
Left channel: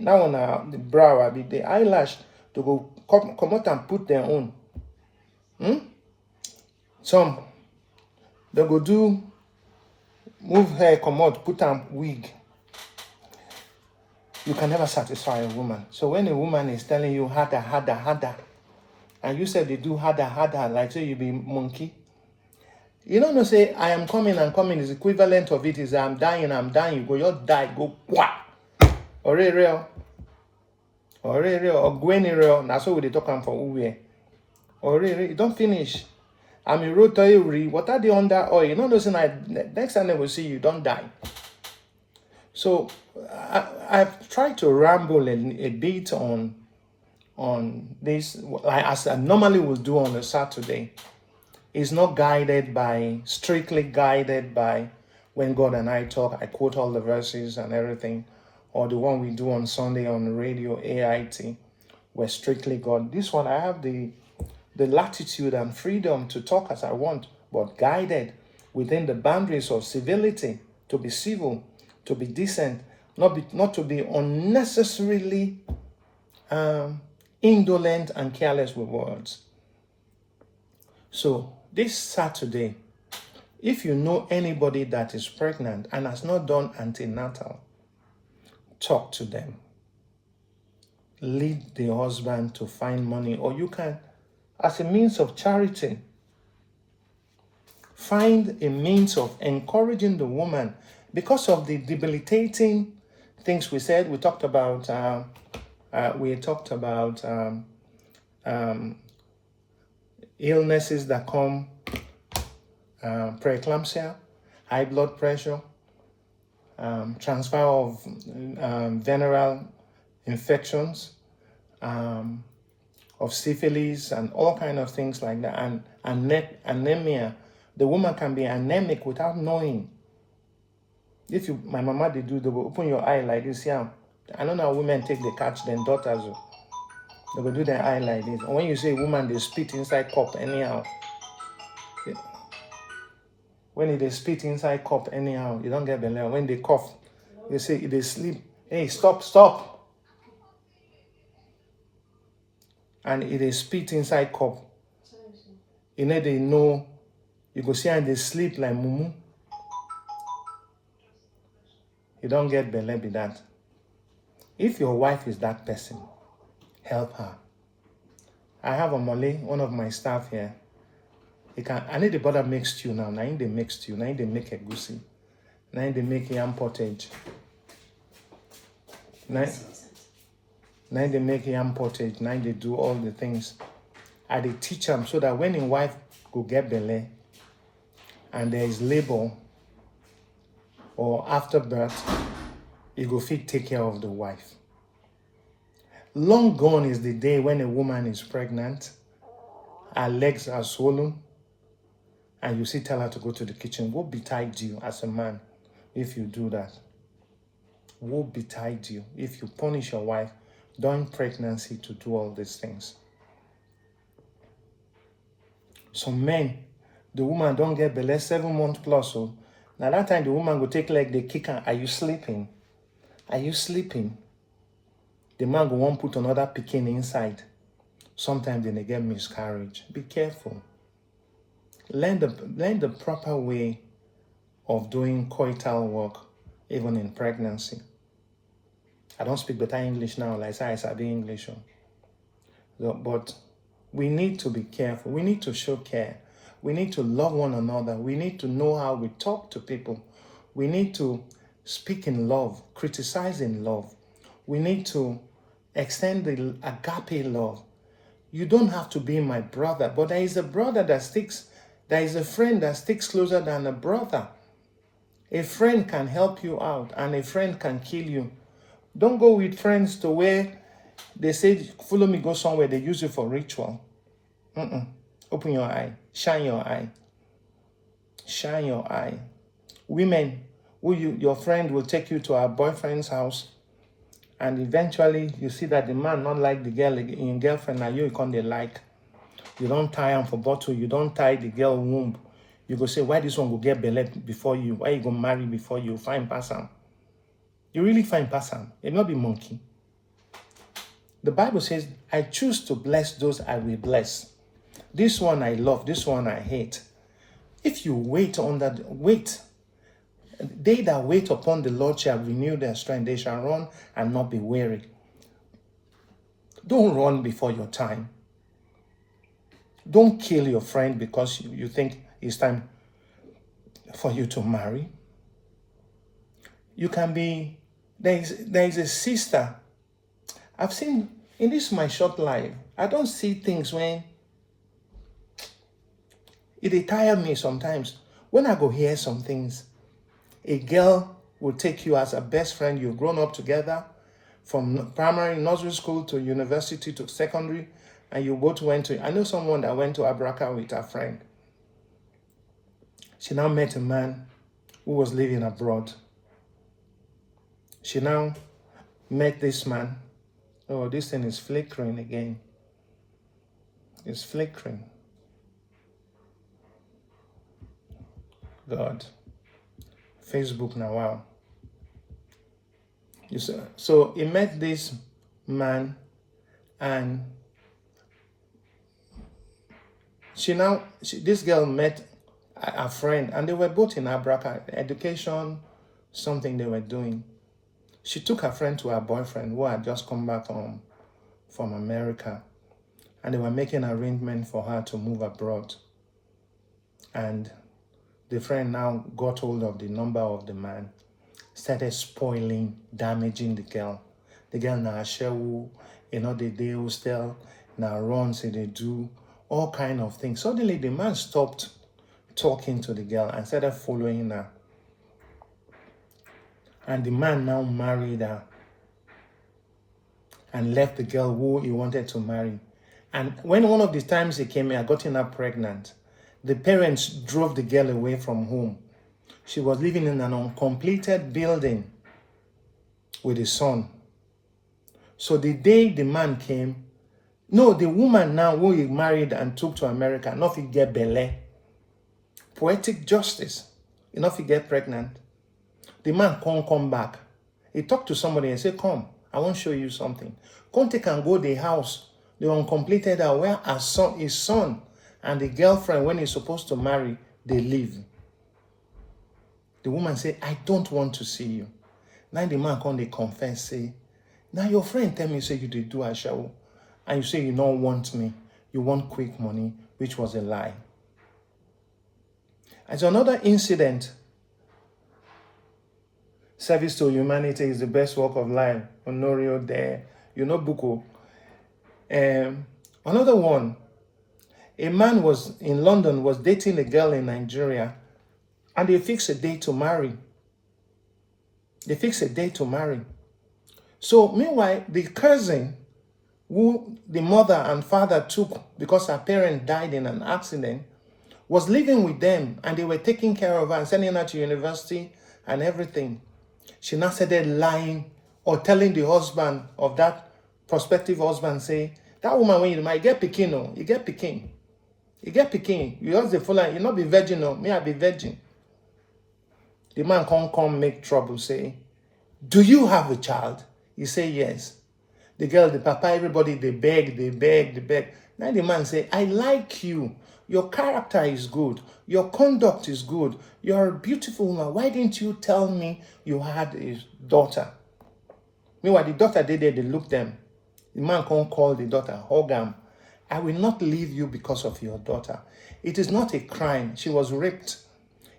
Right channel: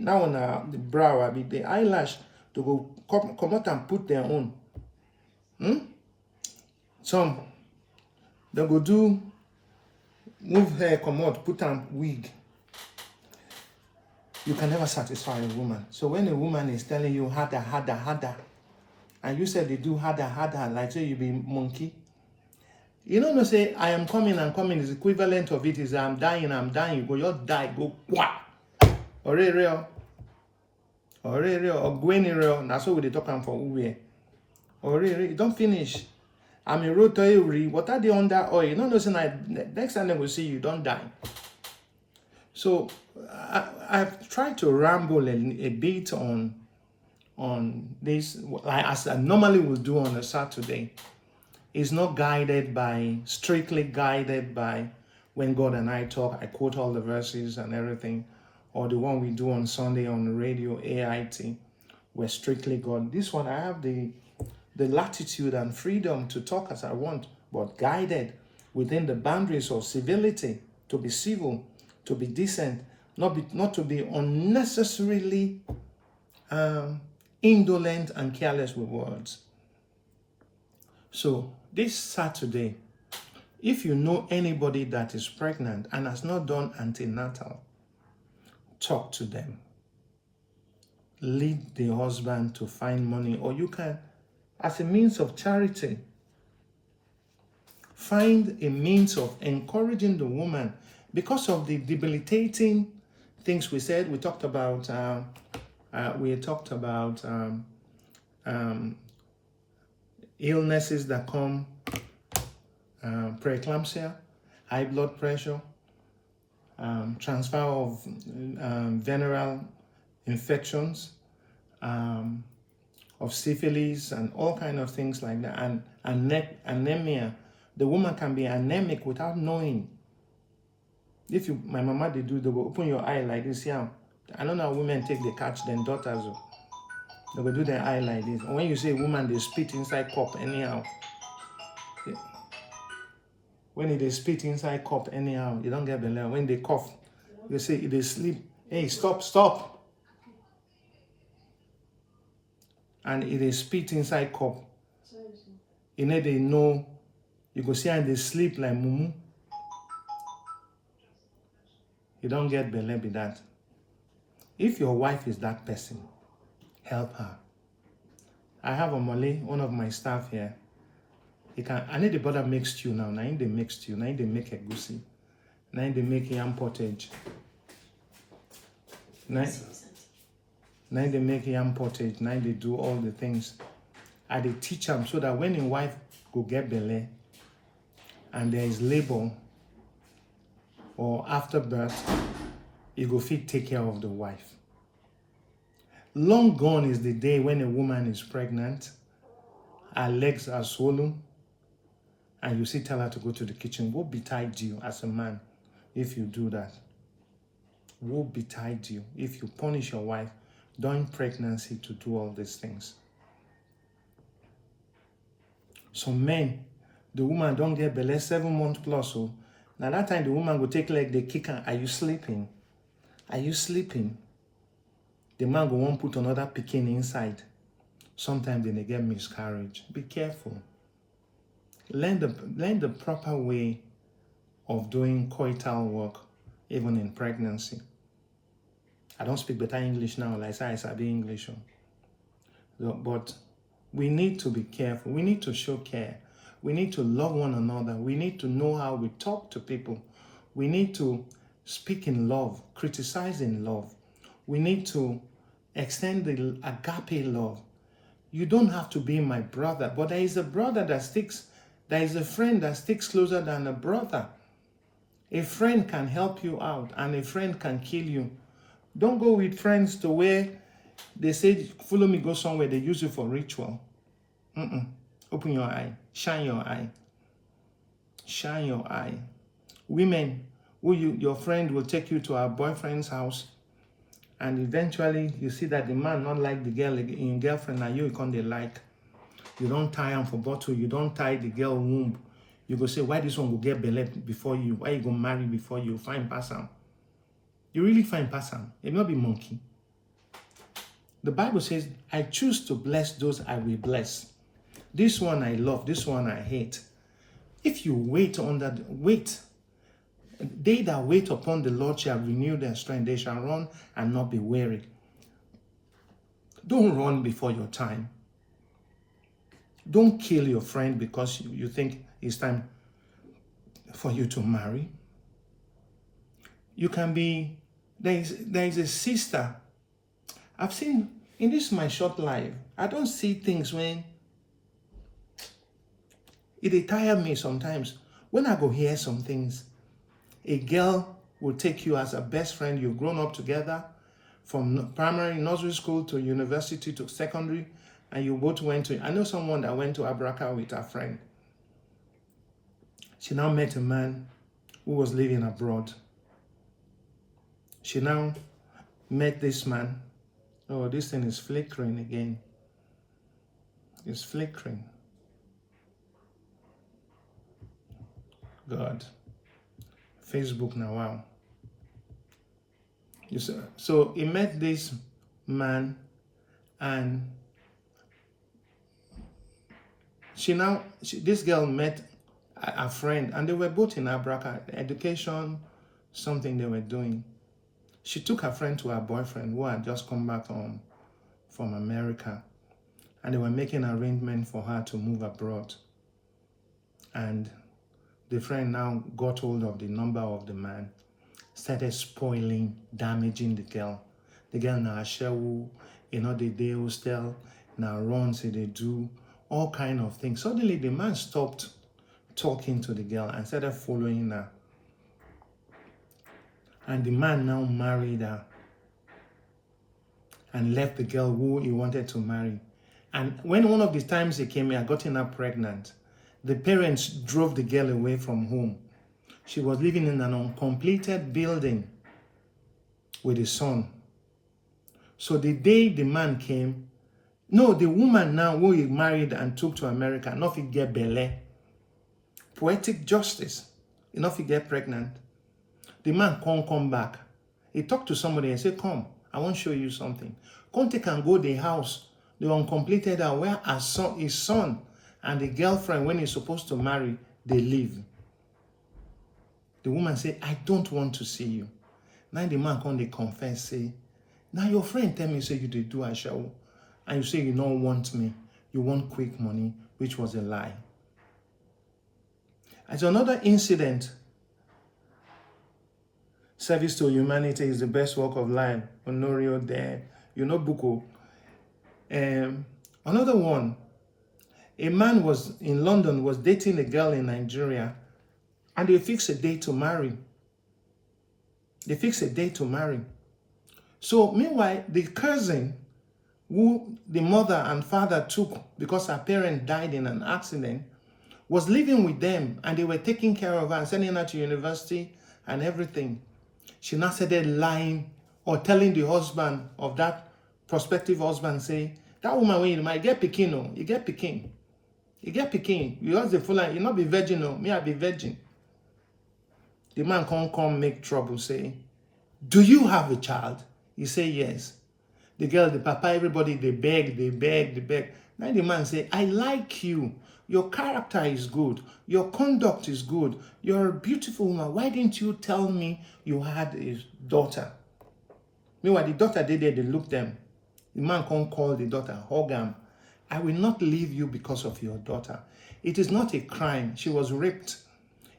now on the brow, the eyelash, they go come out and put their own. Some they go do move hair, come out, put on wig. You can never satisfy a woman. So when a woman is telling you harder, and you said they do harder, like say you be monkey, you don't know, say I am coming is equivalent of it is I'm dying, you go, you die, go what? Or real, or Gwenny real, that's what we talk for who. Or you don't finish. I'm a road to you, what are they under oil? You know, next time they will see you, don't die. So I've tried to ramble a bit on this, like as I normally would do on a Saturday. It's not strictly guided by when God and I talk. I quote all the verses and everything, or the one we do on Sunday on the radio, AIT, where strictly God. This one, I have the latitude and freedom to talk as I want, but guided within the boundaries of civility, to be civil, to be decent, not to be unnecessarily indolent and careless with words. So this Saturday, if you know anybody that is pregnant and has not done antenatal, talk to them. Lead the husband to find money, or you can, as a means of charity, find a means of encouraging the woman because of the debilitating things we said. We talked about illnesses that come, preeclampsia, high blood pressure, transfer of venereal infections, of syphilis, and all kind of things like that, and anemia. The woman can be anemic without knowing. If you, my mama, they go open your eye like this. Yeah, I don't know how women take the catch their daughters. They go do their eye like this. And when you say woman, they spit inside cup anyhow. When they spit inside cup anyhow, you don't get belly. When they cough, they say they sleep. Hey, stop. And if they spit inside cup, you know they know. You go see and they sleep like mumu. You don't get belly with that. If your wife is that person, help her. I have a Malay, one of my staff here. I need the butter make stew now. Now they make stew. Now they make a goosey. Now they make yam pottage. Now they make yam pottage. Now they do all the things. I they teach them so that when your wife go get belly and there is labor or after birth, you go fit take care of the wife. Long gone is the day when a woman is pregnant, her legs are swollen, and you see tell her to go to the kitchen. What betide you as a man if you do that? What betide you if you punish your wife during pregnancy to do all these things? Some men, the woman don't get belly 7 months plus. So now that time the woman will take leg, they kick her. Are you sleeping? Are you sleeping? The man will want put another pikin inside. Sometimes they get miscarriage. Be careful. Learn the proper way of doing coital work, even in pregnancy. I don't speak better English now, like I said English. But we need to be careful. We need to show care. We need to love one another. We need to know how we talk to people. We need to speak in love, criticize in love. We need to extend the agape love. You don't have to be my brother, but there is a brother that sticks, there is a friend that sticks closer than a brother. A friend can help you out and a friend can kill you. Don't go with friends to where they say, follow me, go somewhere, they use you for ritual. Open your eye, shine your eye. Shine your eye. Women, your friend will take you to her boyfriend's house, and eventually you see that the man not like the girl in girlfriend, and you can't like. You don't tie him for bottle, you don't tie the girl womb. You go say, why this one go get belle before you? Why you go marry before you? Find pass am. You really find pass am. It not be monkey. The Bible says, I choose to bless those I will bless. This one I love, this one I hate. If you wait, they that wait upon the Lord shall renew their strength. They shall run and not be weary. Don't run before your time. Don't kill your friend because you think it's time for you to marry. You can be, there is a sister. I've seen, in this my short life, I don't see things when it tire me sometimes. When I go hear some things, a girl will take you as a best friend. You've grown up together from primary, nursery school to university to secondary, and you both went to, I know someone that went to Abraka with her friend. She now met a man who was living abroad. She now met this man. Oh, this thing is flickering again. It's flickering. God. Facebook now, wow. So he met this man and this girl met a friend and they were both in Abraka, education, something they were doing. She took her friend to her boyfriend who had just come back home from America, and they were making arrangements for her to move abroad. And the friend now got hold of the number of the man, started spoiling, damaging the girl. The girl now shewu, the day hostel, now runs, they do all kind of things. Suddenly the man stopped talking to the girl and started following her. And the man now married her and left the girl who he wanted to marry. And when one of the times he came here, gotten her pregnant, the parents drove the girl away from home. She was living in an uncompleted building with his son. So the day the man came, no, the woman now who he married and took to America, not if he get belle. Poetic justice, enough he get pregnant. The man can't come back. He talked to somebody and said, come, I want to show you something. Come take and go to the house, the uncompleted house where his son and the girlfriend, when he's supposed to marry, they live. The woman said, I don't want to see you. Now the man come, they confess, say, now your friend tell me, say you did do a show, and you say you don't want me. You want quick money, which was a lie. As another incident, service to humanity is the best work of life. Honorio there, Buko. Another one, a man was in London, was dating a girl in Nigeria, and they fixed a date to marry. So meanwhile, the cousin who the mother and father took because her parent died in an accident was living with them, and they were taking care of her and sending her to university and everything. She now started lying or telling the husband of that prospective husband, say, that woman, when you might get pikin, no, you get pikin. You get pikin. You just the full line, you not be virgin, no, me I be virgin. The man come make trouble, say, do you have a child? You say yes. The girl, the papa, everybody, they beg. Now the man say, I like you. Your character is good. Your conduct is good. You're a beautiful woman. Why didn't you tell me you had a daughter? Meanwhile, the daughter they look them. The man can't call the daughter, hug him. I will not leave you because of your daughter. It is not a crime. She was raped.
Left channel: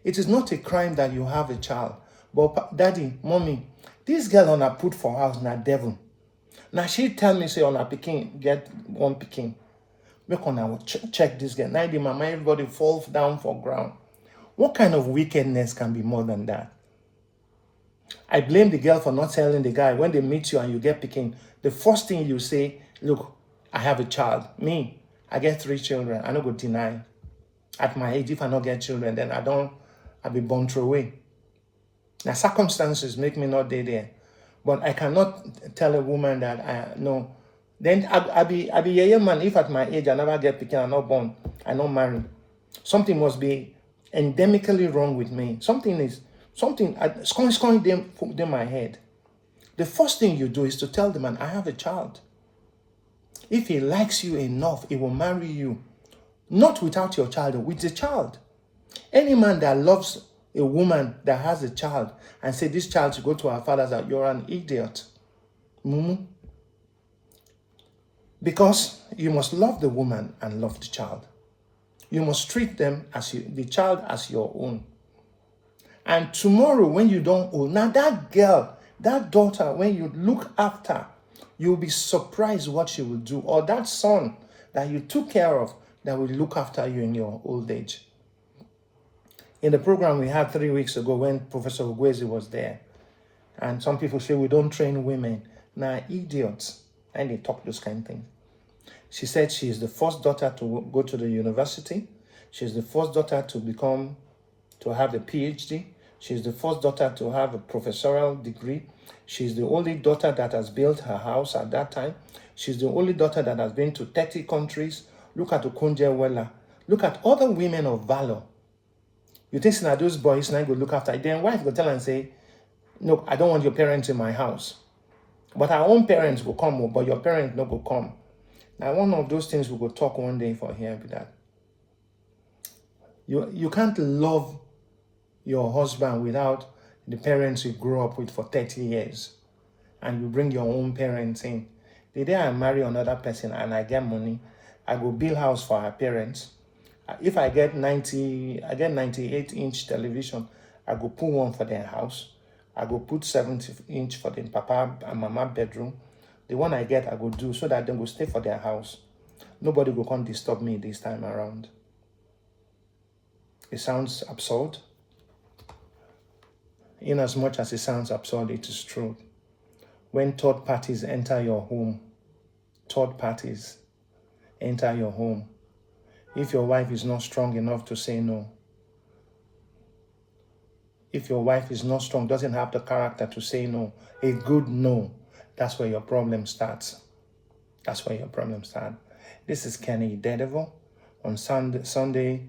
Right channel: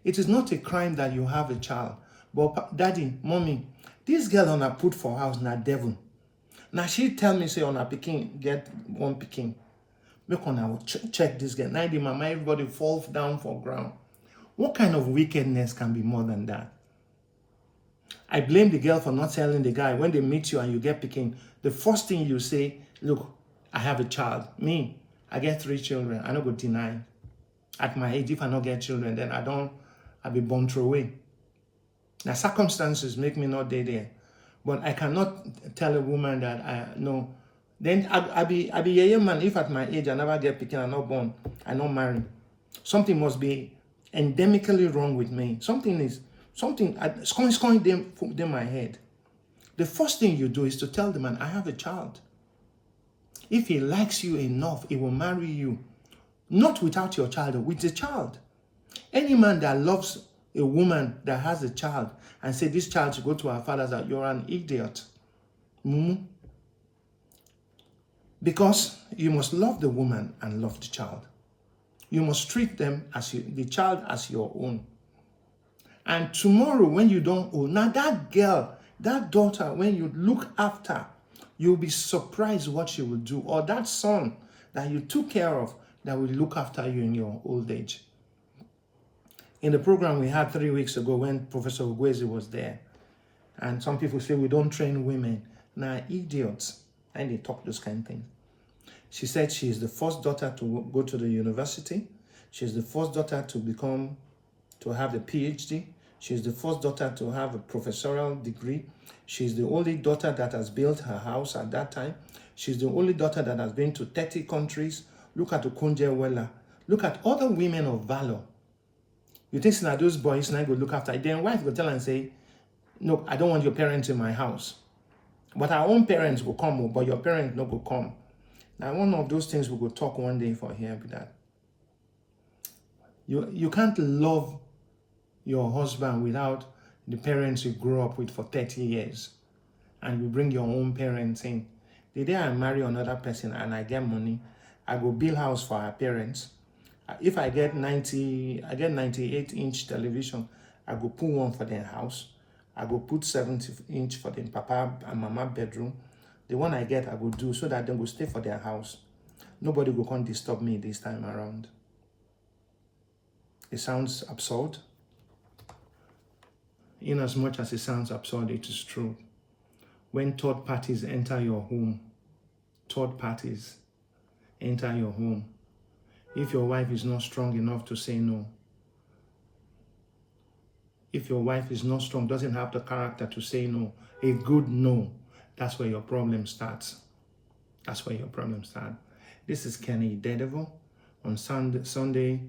It is not a crime that you have a child. But daddy, mommy, this girl on her put for house na devil. Now she tell me, say on her pikin, get one pikin. Make on her check this girl. Now the mama, everybody falls down for ground. What kind of wickedness can be more than that? I blame the girl for not telling the guy when they meet you and you get pikin. The first thing you say, look, I have a child. Me, I get 3 children. I don't go deny. At my age, if I don't get children, then I'll be born through away. Now circumstances make me not there. But I cannot tell a woman that I no. Then I'll be a young man if at my age I never get pikin, I'm not born, I'm not married. Something must be endemically wrong with me. Something scoring them in my head. The first thing you do is to tell the man, I have a child. If he likes you enough, he will marry you. Not without your child, with the child. Any man that loves a woman that has a child and say this child should go to her father's house, you're an idiot. Mumu. Because you must love the woman and love the child. You must treat them as the child as your own. And tomorrow when you don't own, now that girl, that daughter, when you look after, you'll be surprised what she will do. Or that son that you took care of that will look after you in your old age. In the program we had 3 weeks ago when Professor Ugwezi was there, and some people say we don't train women. Now, idiots, and they talk those kind of things. She said she is the first daughter to go to the university. She's the first daughter to have a PhD. She's the first daughter to have a professorial degree. She's the only daughter that has built her house at that time. She's the only daughter that has been to 30 countries. Look at Okonjo Iweala. Look at other women of valor. You think now those boys now go look after it. Then wife go tell and say, no, I don't want your parents in my house. But our own parents will come, but your parents no go come. Now one of those things we will talk one day for here with that. You can't love your husband without the parents you grew up with for 30 years. And you bring your own parents in. The day I marry another person and I get money, I go build house for her parents. If I get 98-inch television, I go put one for their house. I go put 70-inch for the papa and mama bedroom. The one I get, I go do so that they go stay for their house. Nobody go come disturb me this time around. It sounds absurd. In as much as it sounds absurd, it is true. When third parties enter your home, if your wife is not strong enough to say no, if your wife is not strong, doesn't have the character to say no, a good no, that's where your problem starts. That's where your problem starts. This is Kenny Daredevil on Saturday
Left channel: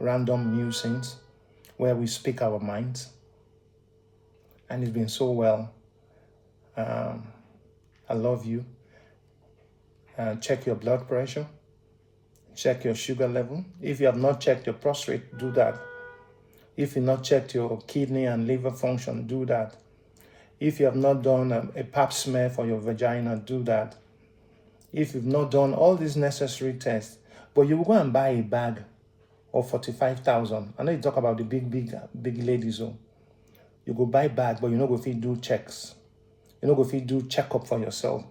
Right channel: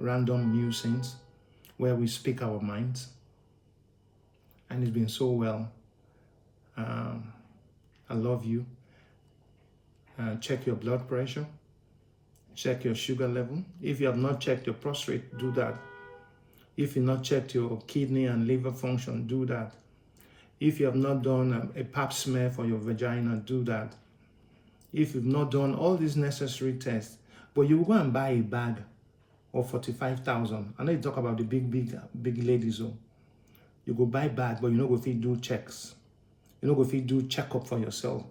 Random Musings, where we speak our minds. And it's been so well. I love you. Check your blood pressure. Check your sugar level. If you have not checked your prostate, do that. If you've not checked your kidney and liver function, do that. If you have not done a pap smear for your vagina, do that. If you've not done all these necessary tests, but you will go and buy a bag of 45,000. I know you talk about the big ladies. Oh. You go buy bag, but you no go fit do checks. You no go fit do checkup for yourself.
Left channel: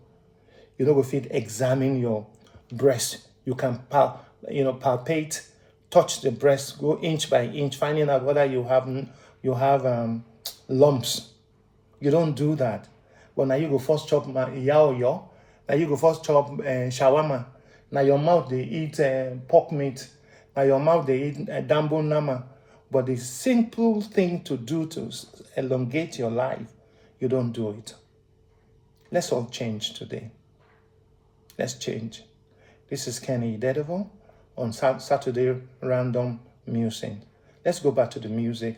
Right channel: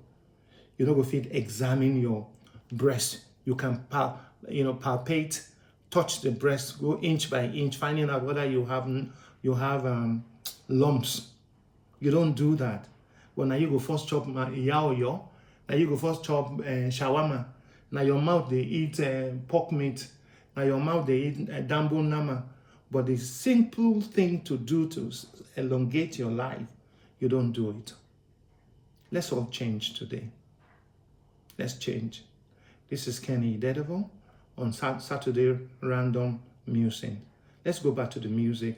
You no go fit examine your breast. You can palpate, touch the breast, go inch by inch, finding out whether you have lumps. You don't do that. But now you go first chop yaoyo. Now you go first chop shawarma. Now your mouth they eat pork meat. Now your mouth they eat dambo nama. But the simple thing to do to elongate your life, you don't do it. Let's all change today. Let's change. This is Kenny Daredevil on Saturday Random Musing. Let's go back to the music.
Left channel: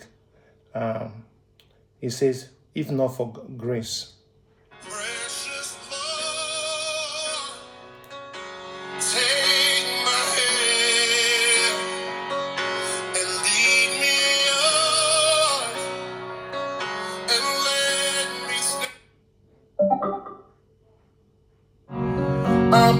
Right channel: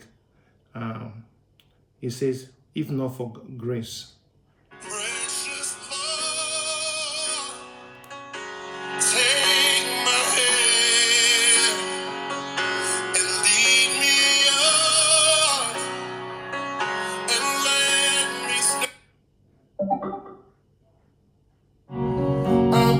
It says, if not for grace. Precious Lord, take my hand and lead me on and let me stand. I'm